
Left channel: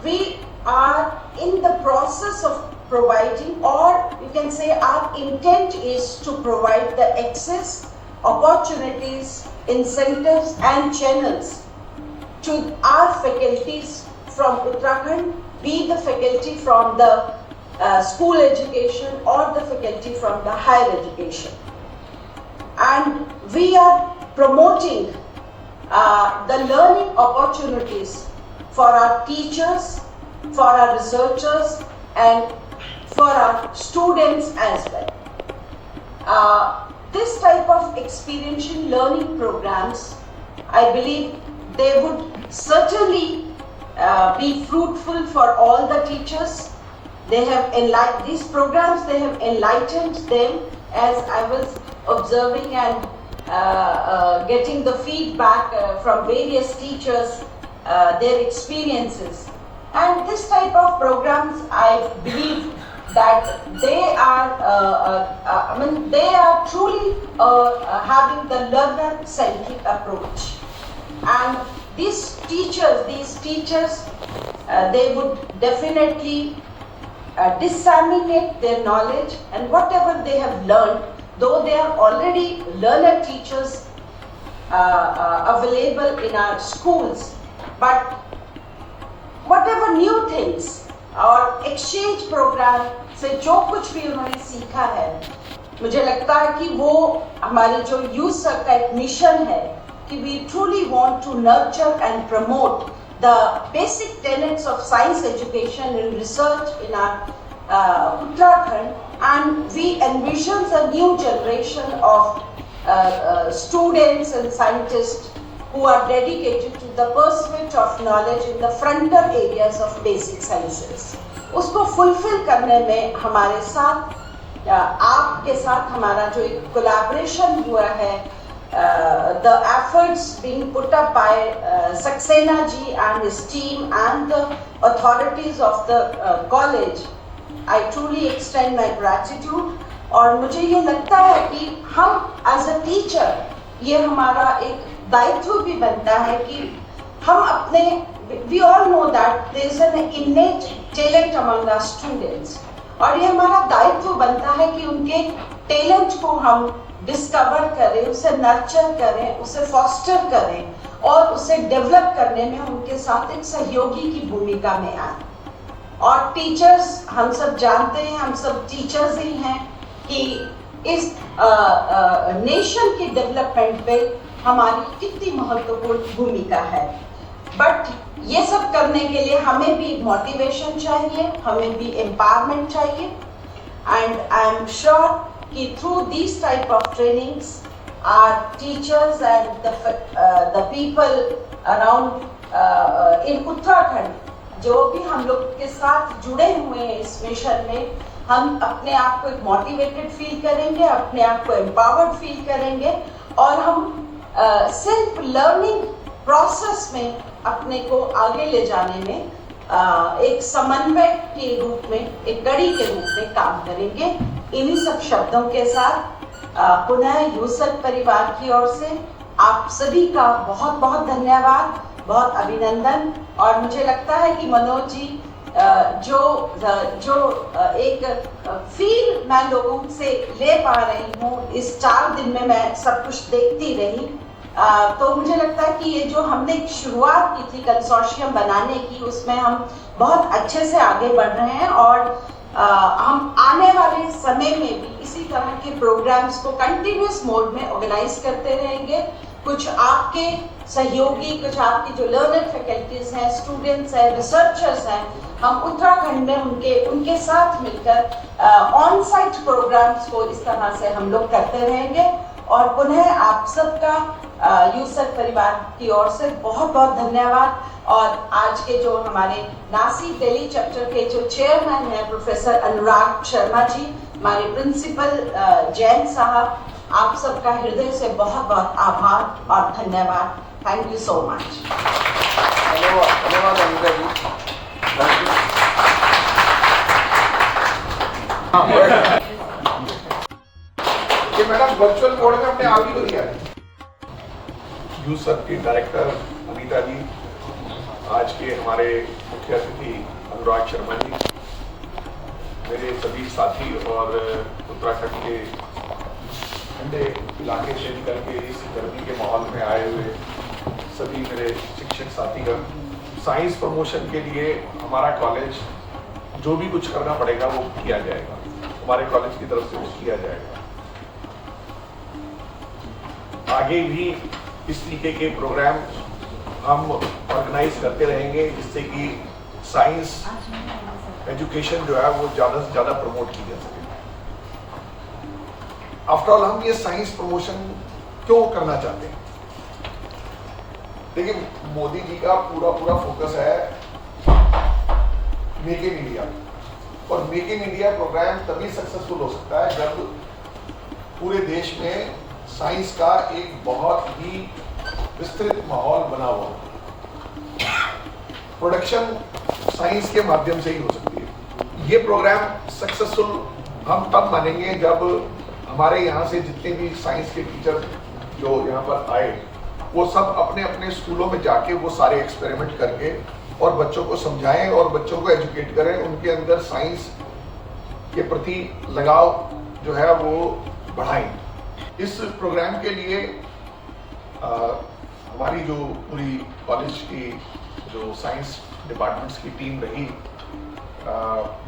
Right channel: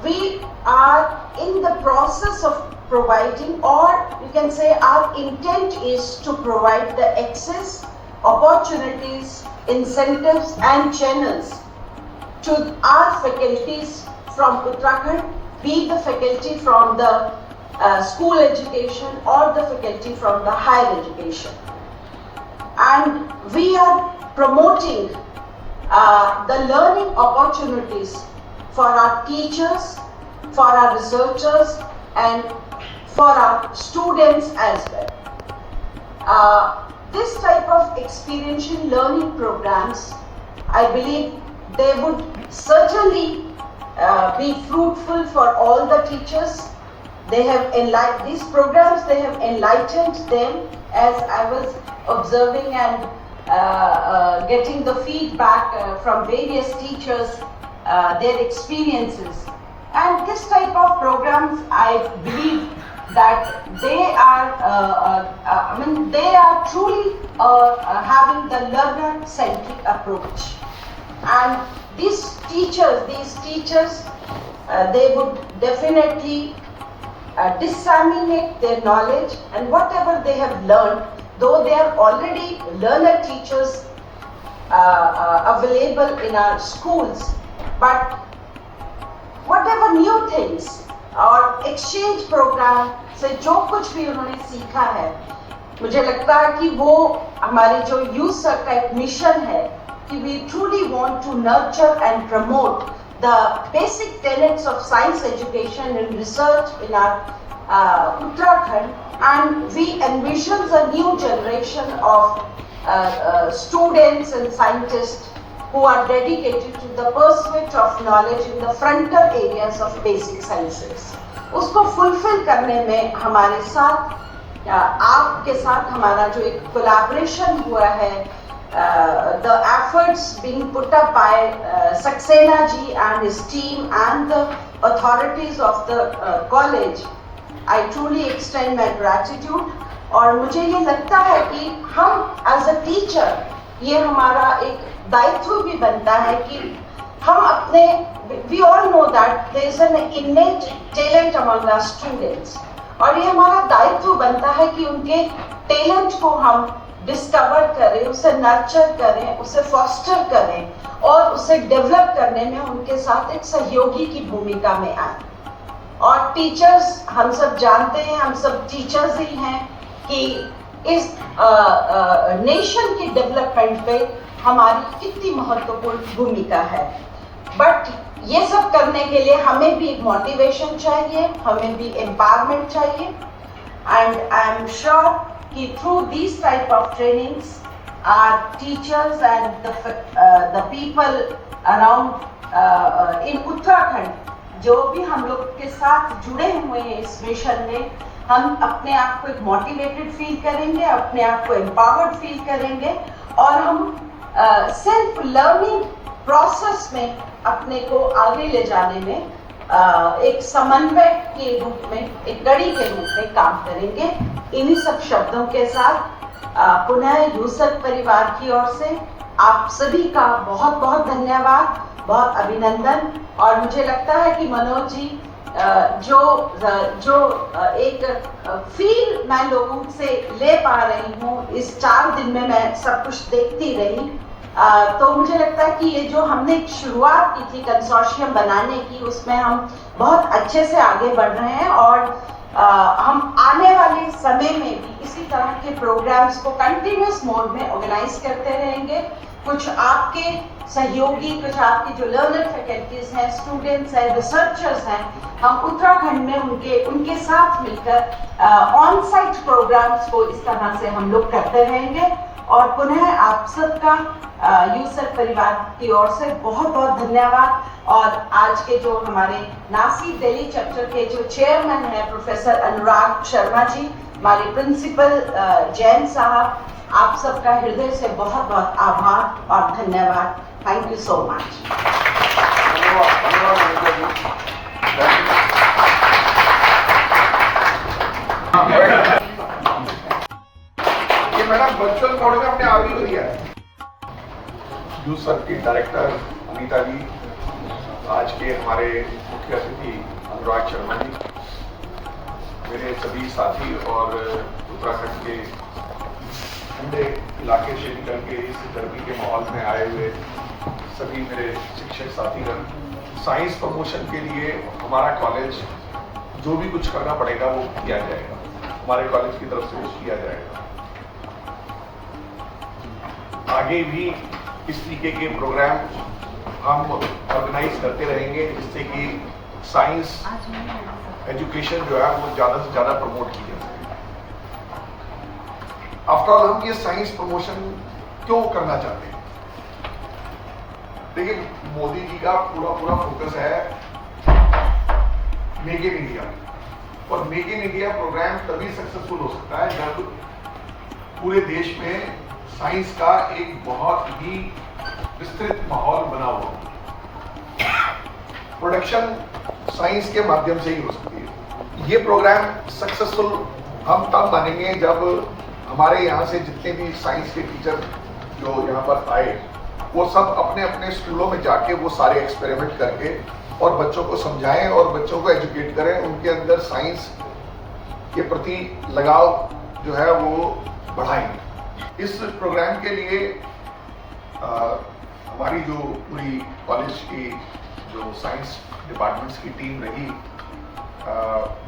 we are in the process of providing, or you can say our intent is to provide the access, opportunities, incentives and channels to our faculties from Uttarakhand, be the faculty from the school education or the faculty from the higher education. And we are promoting the learning opportunities for our teachers, for our researchers and for our students as well. This type of experiential learning programs, I believe they would certainly be fruitful for all the teachers. They have these programs, they have enlightened them, as I was observing and getting the feedback from various teachers, their experiences. And this type of programs, I believe that they are, they are truly having the learner-centric approach. And these teachers, they would definitely disseminate their knowledge and whatever they have learned, though they are already learner teachers available in our schools, but whatever new things और exchange programme से जो कुछ भी उन्होंने सीखा है, मुझे लगता है कि वो हमारे जो USARK का एक मिशन है कि we truly want to nurture and promote the basic tenets of science education and research in our Uttarakhand, and we envision a new generation of students and scientists who are dedicated to the pursuit of knowledge in the frontier areas of basic sciences. उसको fulfill करने में हमारे साथ, आपके साथ हमारा जो एक collaboration हुआ है, the efforts being put up by Saxena ji and his team and the authorities of the college, I truly extend my gratitude. और मुझे ये लगता है कि हम as a teacher, ये हमारा एक दायित्व भी बनता है कि हम अपने, we all know that there is an innate talent among our students, और ये हमारा दायित्व बनता है कि उनके टैलेंट को हम डिस्कवर करें, उसे नर्चर करें, उसे फॉस्टर करें और उसे डेवलप करने में उनके साथ एक सहयोगी की भूमिका में आए. और टीचर्स, हम सब जानते हैं, हम सब टीचर्स ही हैं कि इस नेशन की डेवलपमेंट पे हमारी कितनी महत्वपूर्ण भूमिका है. बट ये सब करने के लिए हमें भी मोटिवेशन चाहिए, हमें भी एम्पावरमेंट चाहिए. एंड आई एम श्योर कि through this type of trainings our teachers and the people around in Uttarakhand, जो भी हम लोग के साथ जुड़े हुए हैं इस मिशन में, हम अपने आप को एक मोटिवेटेड फील करेंगे, अपने आप को एम्पावर्ड फील करेंगे और हम सेल्फ लर्निंग प्रोसेस में अपने को आगे ले जाने में एक समन्वय के रूप में, एक कड़ी के रूप में काम करेंगे. इन्हीं सब शब्दों के साथ पुनः USARK परिवार की ओर से आप सभी का बहुत बहुत धन्यवाद, बहुत अभिनंदन. और मुझे लगता है कि मनोज जी, जो एक फील मैं लोगों से ले पा रही हूँ, इस 4 दिन में मैं सब कुछ देखती रही, तो मुझे लगता है कि ये जो हमने एक शुरुआत की थी कंसोर्शियम बनाने की, उसमें हम बहुत अच्छे से आगे बढ़ रहे हैं और हम आने वाले समय में भी इसी तरह के प्रोग्राम्स को कंटिन्यूस मोड में ऑर्गेनाइज करते रहेंगे। कुछ आपके सहयोगी, कुछ आपकी जो लर्नर फैकल्टीज हैं, स्टूडेंट्स हैं, रिसर्चर्स हैं, हम उत्तराखंड में उनके साथ मिलकर ऑन साइट प्रोग्राम्स को इस तरह से हम लोग करते रहेंगे। और पुनः आप सबका यूसर्क परिवार की ओर से बहुत बहुत धन्यवाद। और आज के जो हमारे नासिक दिल्ली चैप्टर के जो चेयरमैन हैं प्रोफेसर अनुराग शर्मा जी, हमारे प्रिंसिपल जैन साहब, आप सबका हृदय से बहुत बहुत आभार और धन्यवाद। Thank you so much. ये मैडम वर्चुअल मोड में हमने आप ही को दिया। यूसर्क की डायरेक्टर अनीता जी, आज के हमारे मुख्य अतिथि अनुराग शर्मा जी, मेरे सभी साथी और उत्तराखंड के ठंडे इलाके से निकल के इस गर्मी के माहौल में आए हुए सभी मेरे शिक्षक साथीगण, साइंस प्रमोशन के लिए हमारा कॉलेज जो भी कुछ करना पड़ेगा वो किया जाएगा, हमारे कॉलेज की तरफ से वो किया जाएगा। आगे भी इस तरीके के प्रोग्राम हम ऑर्गेनाइज करते रहेंगे जिससे कि साइंस एजुकेशन जो है वो ज़्यादा से ज़्यादा प्रमोट की जा सके। आफ्टर ऑल हम ये साइंस प्रमोशन क्यों करना चाहते हैं? देखिए, मोदी जी का पूरा फोकस है मेक इन इंडिया, और मेक इन इंडिया प्रोग्राम तभी सक्सेसफुल हो सकता है जब पूरे देश में साइंस का एक बहुत ही विस्तृत माहौल बना हो। प्रोडक्शन साइंस के माध्यम से ही हो सकती है। ये प्रोग्राम सक्सेसफुल हम तब मानेंगे जब हमारे यहाँ से जितने भी साइंस के टीचर जो यहाँ पर आए, वो सब अपने अपने स्कूलों में जाके वो सारे एक्सपेरिमेंट करके और बच्चों को समझाएं और बच्चों को एजुकेट करें, उनके अंदर साइंस के प्रति लगाव जो है वो बढ़ाएं। इस प्रोग्राम के लिए हमारी जो पूरी कॉलेज की जो साइंस डिपार्टमेंट्स की टीम रही,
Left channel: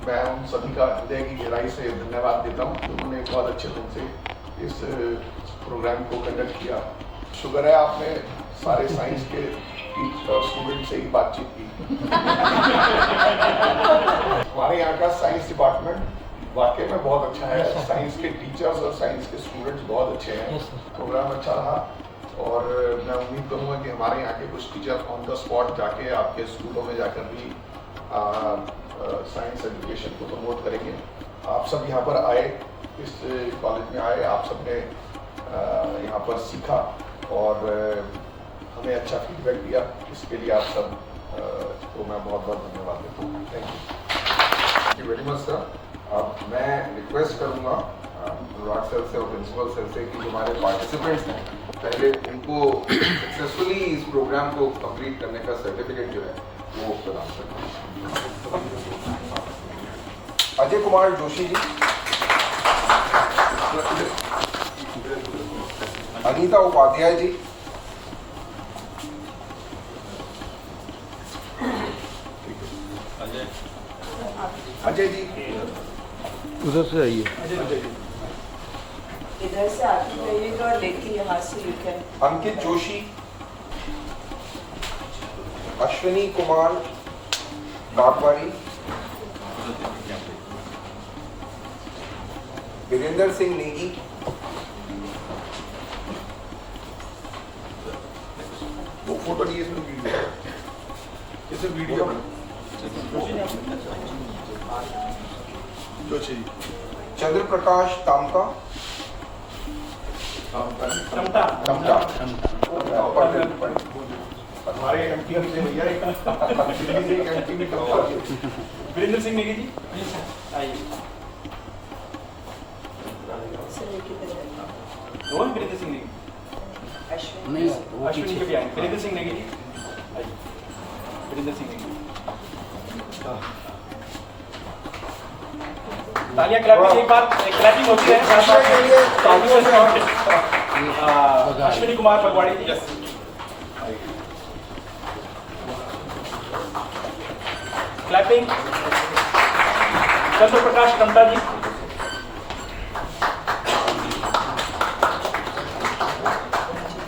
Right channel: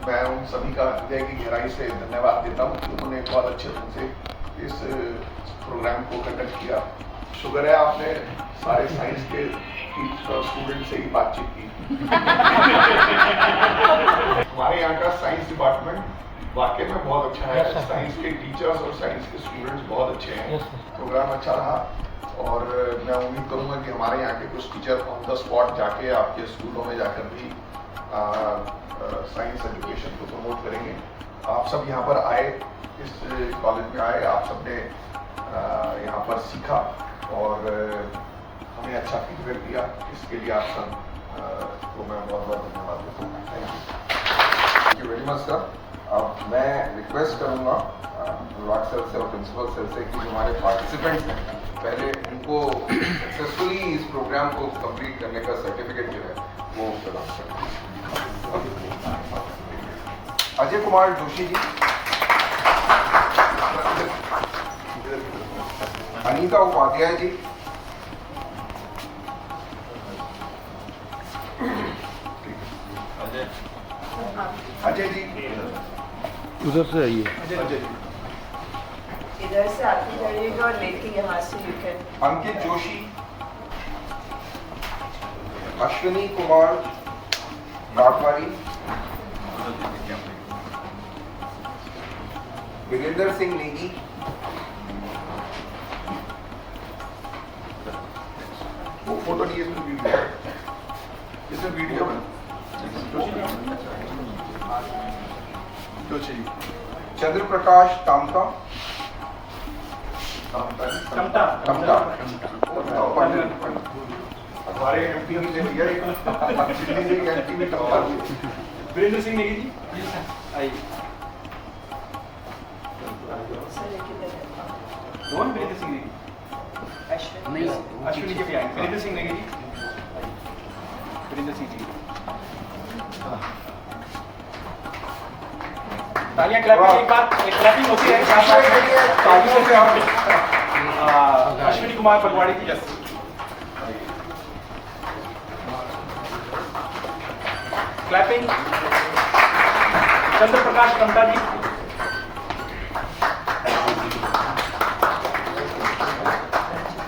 मैं उन सभी का हृदय की गहराई से धन्यवाद देता हूँ कि उन्होंने बहुत अच्छे ढंग से इस प्रोग्राम को कंडक्ट किया। शुक्र है आपने सारे साइंस के और स्टूडेंट से ही बातचीत की। हमारे यहाँ का साइंस डिपार्टमेंट वाकई में बहुत अच्छा है। साइंस के टीचर्स और साइंस के स्टूडेंट्स बहुत अच्छे हैं। प्रोग्राम अच्छा रहा और मैं उम्मीद करूँगा कि हमारे यहाँ के कुछ टीचर ऑन द स्पॉट जाके आपके स्कूलों में जाकर भी साइंस एजुकेशन को प्रमोट करेंगे। आप सब यहाँ पर आए, इस कॉलेज में आए, आप सब ने यहाँ पर सीखा और हमें अच्छा फीडबैक दिया, इसके लिए आप सब को मैं बहुत बहुत धन्यवाद देता हूँ। Thank you very much sir. अब मैं रिक्वेस्ट करूँगा अनुराग सर से और प्रिंसिपल सर से कि जो हमारे पार्टिसिपेंट्स हैं पहले उनको सक्सेसफुली इस प्रोग्राम को कंप्लीट करने का सर्टिफिकेट जो है वो प्रदान करें। अजय कुमार जोशी जी, अनीता उपाध्याय जी, अजय जी उधर से आइए। अजय जी, इधर से आती रहेगा और लेके यहाँ से यू कैन। अंकित जोशी, अश्विनी कुमार काकवारी, वीरेंद्र सिंह नेगी, वो फोटो नहीं, इसमें वीडियो है, इसमें वीडियो जोशी जी, चंद्र प्रकाश तामता, हमारे एमपी से भैया दिल्ली से एमपी में टमटा वीरेंद्र सिंह नेगी जी, आइए। कौन वीरेंद्र सिंह नेगी? अश्विनी के भी आएंगे। वीरेंद्र सिंह नेगी जी, आइए। वीरेंद्र सिंह नेगी, तालियां क्लैपिंग, एक बार क्लैपिंग होती है, तालियों से अश्विनी कुमार पगवाड़ी जी। यस। क्लैपिंग। चंद्र प्रकाश टमटा जी।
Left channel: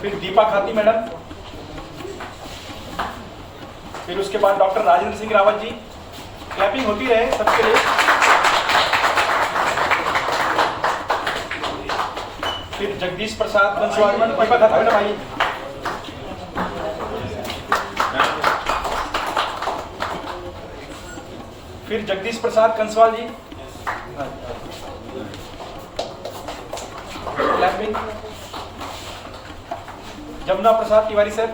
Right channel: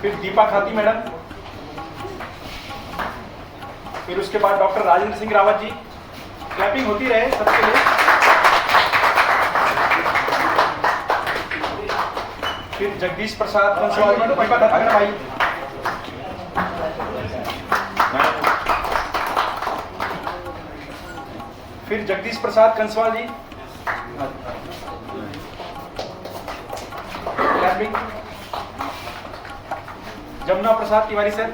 फिर दीपा खाती मैडम। फिर उसके बाद डॉक्टर राजेंद्र सिंह रावत जी। क्लैपिंग होती रहे सबके लिए। फिर जगदीश प्रसाद कंसवाल मैडम। दीपा खाती मैडम आई। फिर जगदीश प्रसाद कंसवाल जी। क्लैपिंग। जमुना प्रसाद तिवारी सर।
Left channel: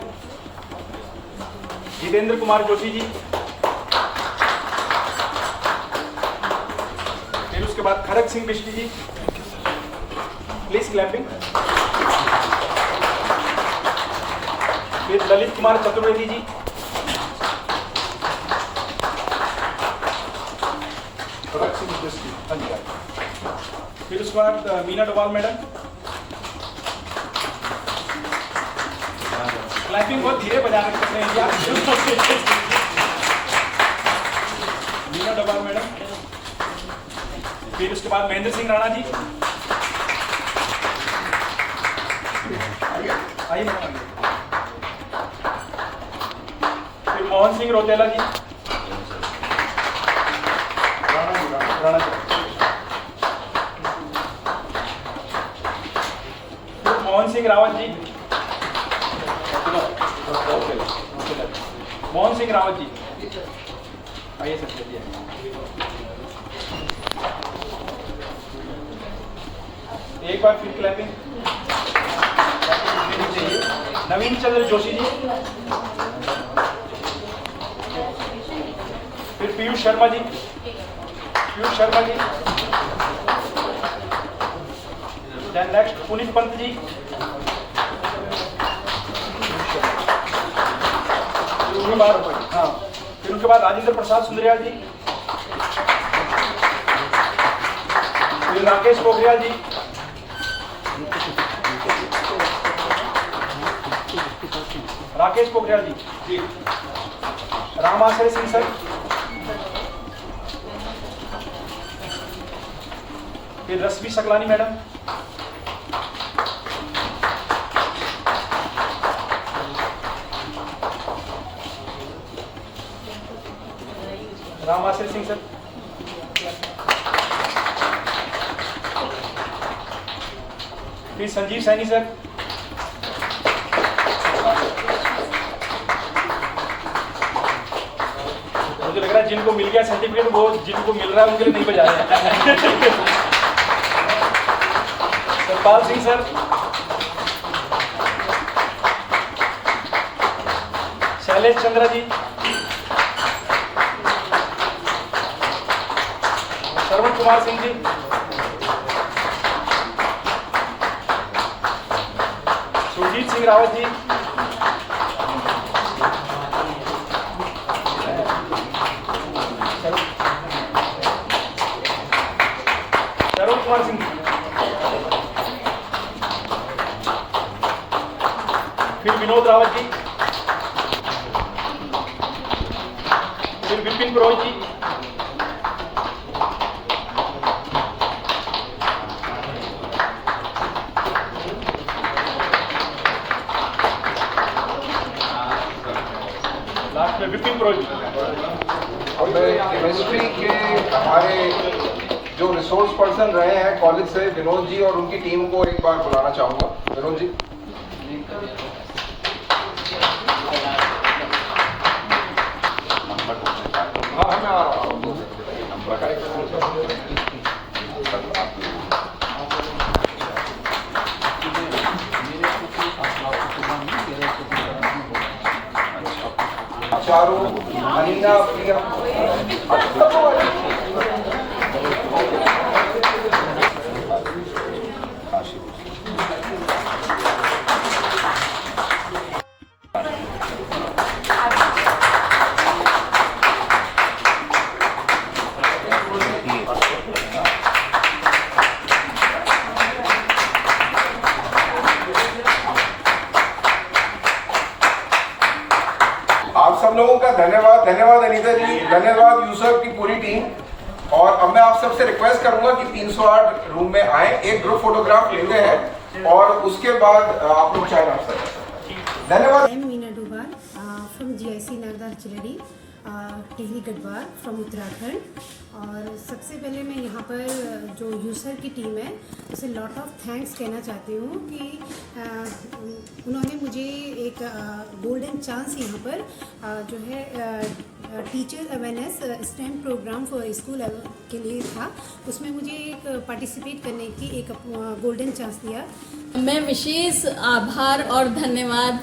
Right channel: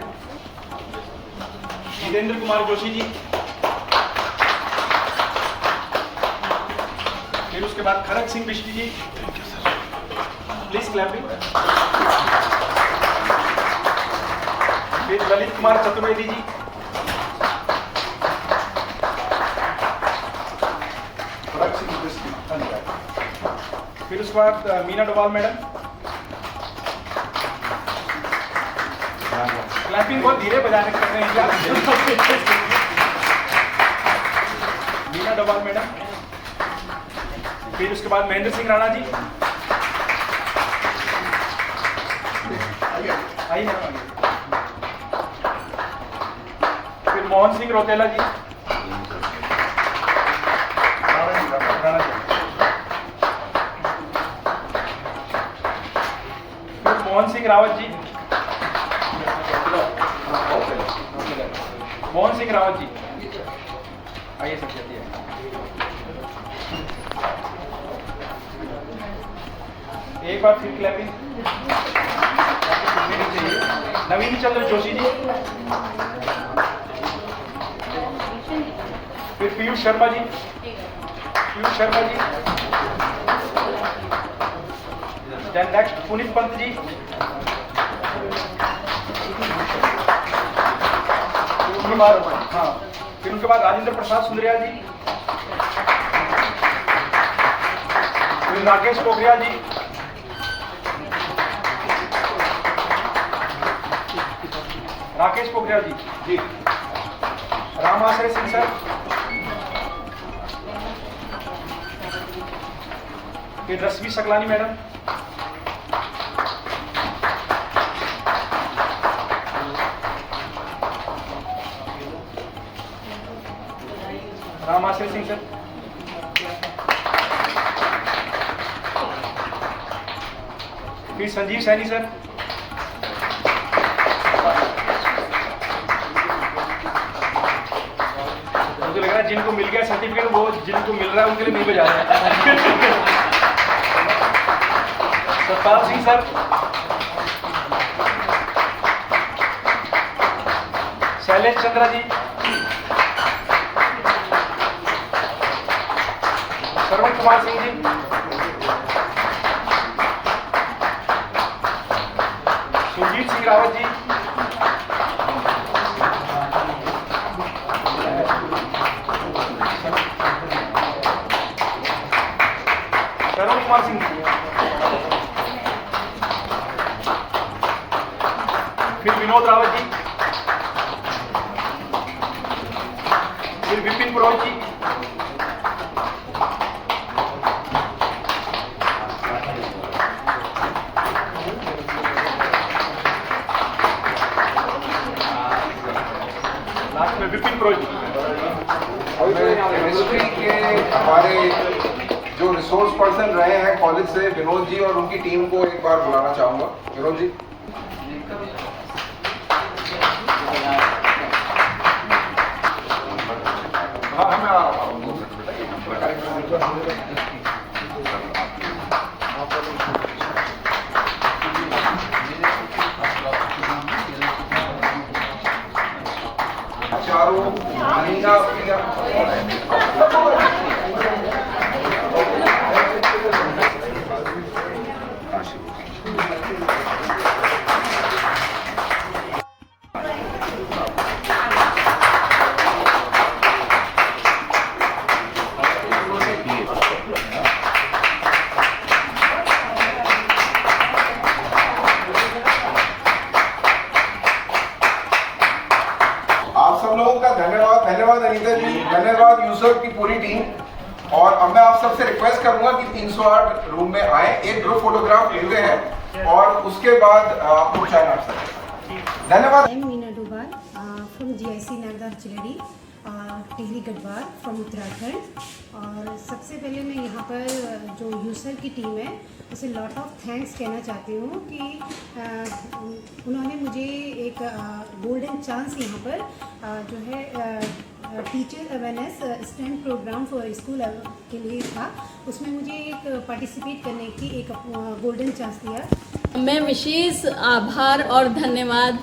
जितेंद्र कुमार जोशी जी। फिर उसके बाद खरक सिंह बिष्टी जी। Please clapping. फिर ललित कुमार चतुर्वेदी जी। खरक सिंह बिष्टी। फिर उसके बाद मीना डोभाल मैडम। क्लैपिंग बहुत धीरे बजाने कर रहे हैं यार। मीना डोभाल मैडम। फिर उसके बाद महेंद्र सिंह राणा जी। आइए मैडम आइए। फिर मोहन सिंह रोतेला जी। राणा जी। फिर मोहन सिंह रावत जी। मोहन सिंह रावत जी आइए सर जल्दी आइए। एक बार फिर क्लैपिंग। नवीन चंद्र जोशी जी। फिर पीयूष शर्मा जी। पीयूष शर्मा जी। Then next Puneet Pant ji. उनके बाद हाँ फिर उनके बाद राजेंद्र प्रसाद सुंदरियाल जी। फिर राकेश पोखरियाल जी। राकेश पोखरियाल जी। राम आश्रय सिंह सर। फिर रश्मि सकलानी मैडम। राम आश्रय सिंह सर। फिर संजीव सैनी सर। मुझे लग रहा है जिनको मिल गया सर्टिफिकेट वो जिनको मिल रहा है उनके लिए नहीं बजा रहे। सतपाल सिंह सर। शैलेश चंद्रा जी। श्रवण कुमार सिंह जी। सुरजीत सिंह रावत जी। श्रवण कुमार सिंह जी। फिर विनोद रावत जी। फिर विपिन पुरोहित जी। लास्ट में विपिन पुरोहित जी। अब मैं केमिस्ट्री के हमारे जो रिसोर्स पर्सन रहे हैं कॉलेज से विनोद जी और उनकी टीम को एक बार बुलाना चाहूँगा। विनोद जी। हाँ मैं आ रहा हूँ। चारू, अनीता, प्रिया। धन्यवाद अनीता जी, धन्यवाद यूसर की पूरी टीम। और अब मैं आप सबसे रिक्वेस्ट करूंगा कि 308 रूम में आए, एक ग्रुप फोटोग्राफ लेते हैं और उसके बाद आप लोग चाय नाश्ता कर सकते हैं। धन्यवाद। Meena Dobhal from GIC Nagda Chiladi, Tehri Garhwal from Uttarakhand. और सबसे पहले मैं यहाँ पर जो यूसर की टीम है उसे लॉट ऑफ थैंक्स कहना चाहती हूँ कि उन्होंने मुझे एक गोल्डन चांस यहाँ पर जो है teacher awareness stand programme for school के लिए था, उसमें मुझे एक पार्टिसिपेट करने की एक गोल्डन चांस दिया। मैं विशेष आभार और धन्यवाद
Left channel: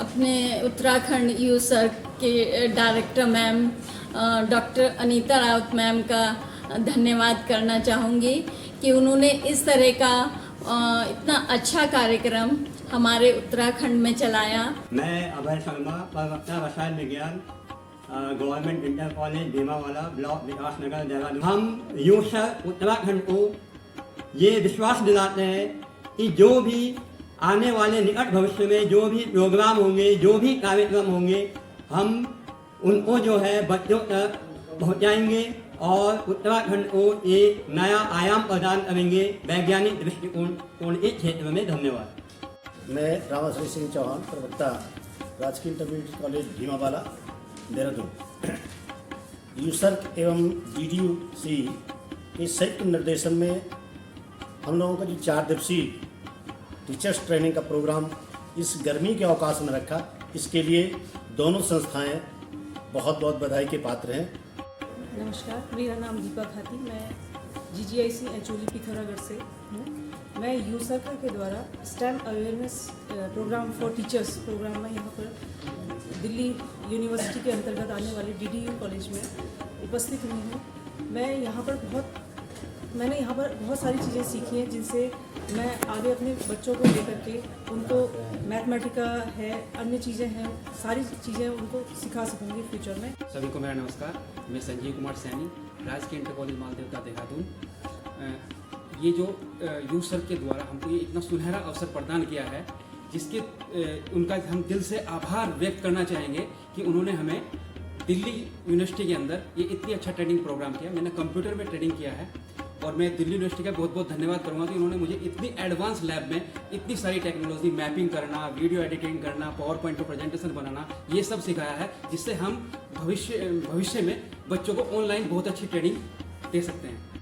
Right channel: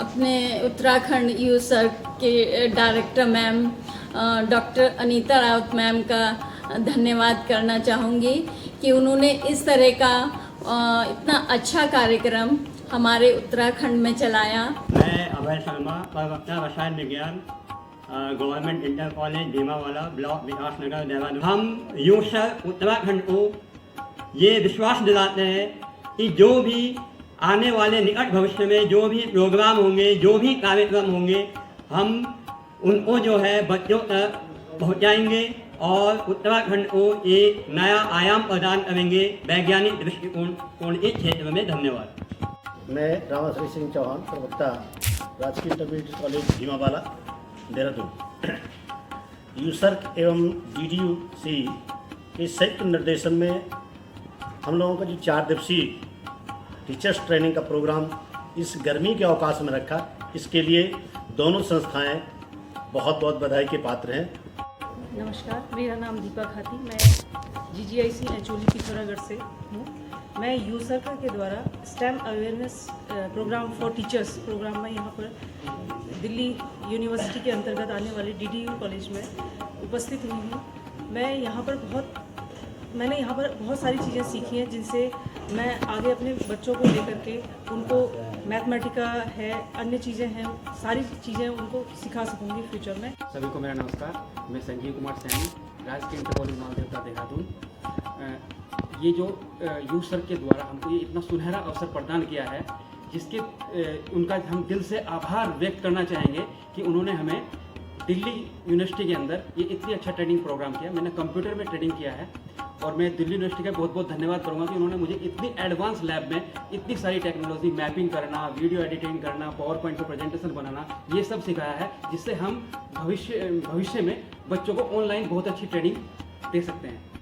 अपने उत्तराखंड यूसर के director ma'am doctor Anita Raut ma'am का धन्यवाद करना चाहूँगी कि उन्होंने इस तरह का इतना अच्छा कार्यक्रम हमारे उत्तराखंड में चलाया। मैं अभय शर्मा, प्रवक्ता रसायन विज्ञान, government inter college Bhimawala, block Vikas Nagar, Dehradun. हम यूसर उत्तराखंड को ये विश्वास दिलाते हैं कि जो भी आने वाले निकट भविष्य में जो भी प्रोग्राम होंगे, जो भी कार्यक्रम होंगे, हम उनको जो है बच्चों तक पहुंचाएंगे और उत्तराखंड को एक नया आयाम प्रदान करेंगे वैज्ञानिक दृष्टिकोण के क्षेत्र में। धन्यवाद। मैं रामाश्री सिंह चौहान, प्रवक्ता राजकीय इंटरमीडिएट कॉलेज भीमावाला, देहरादून। यूसर्क एवं DDUC के संयुक्त निर्देशन में हम लोगों का जो 4 दिवसीय टीचर्स ट्रेनिंग का प्रोग्राम इस गर्मी के अवकाश में रखा, इसके लिए दोनों संस्थाएं बहुत बहुत बधाई के पात्र हैं। नमस्कार, मेरा नाम दीपा खाती, मैं GGIC एचोली पिथौरागढ़ से हूँ। मैं यूसर्क के द्वारा STEM awareness programme for teachers programme में यहाँ पर दिल्ली यूनिवर्सिटी के अंतर्गत आने वाले DDU कॉलेज में उपस्थित हुई हूँ। मैंने यहाँ पर बहुत सारी चीज़ें सीखी हैं जिनसे मैं आगे अपने बच्चों को लेकर के उनको मैथमेटिका है, अन्य चीज़ें हैं, सारी चीज़ें उनको सिखा सकूँगी फ्यूचर में। सभी को मेरा नमस्कार, मैं संजीव कुमार सैनी, राजकीय इंटर कॉलेज मालदेवता, देहरादून। ये जो यूसर के द्वारा हमको ये इतना सुनहरा अवसर प्रदान किया है, जिसके उनका हम दिल से आभार व्यक्त करना चाहेंगे कि उन्होंने हमें दिल्ली यूनिवर्सिटी के अंदर ये इतनी अच्छा ट्रेनिंग प्रोग्राम किया। मैंने कंप्यूटर में ट्रेनिंग किया है और मैं दिल्ली यूनिवर्सिटी का बहुत बहुत धन्यवाद करूंगा कि उन्होंने मुझे इतनी एडवांस लैब में इतनी सारी टेक्नोलॉजी, मैपिंग करना, वीडियो एडिटिंग करना, पावर पॉइंट पर प्रेजेंटेशन बनाना, ये सब सिखाया है, जिससे हम भविष्य में बच्चों को ऑनलाइन बहुत अच्छी ट्रेनिंग दे सकते हैं।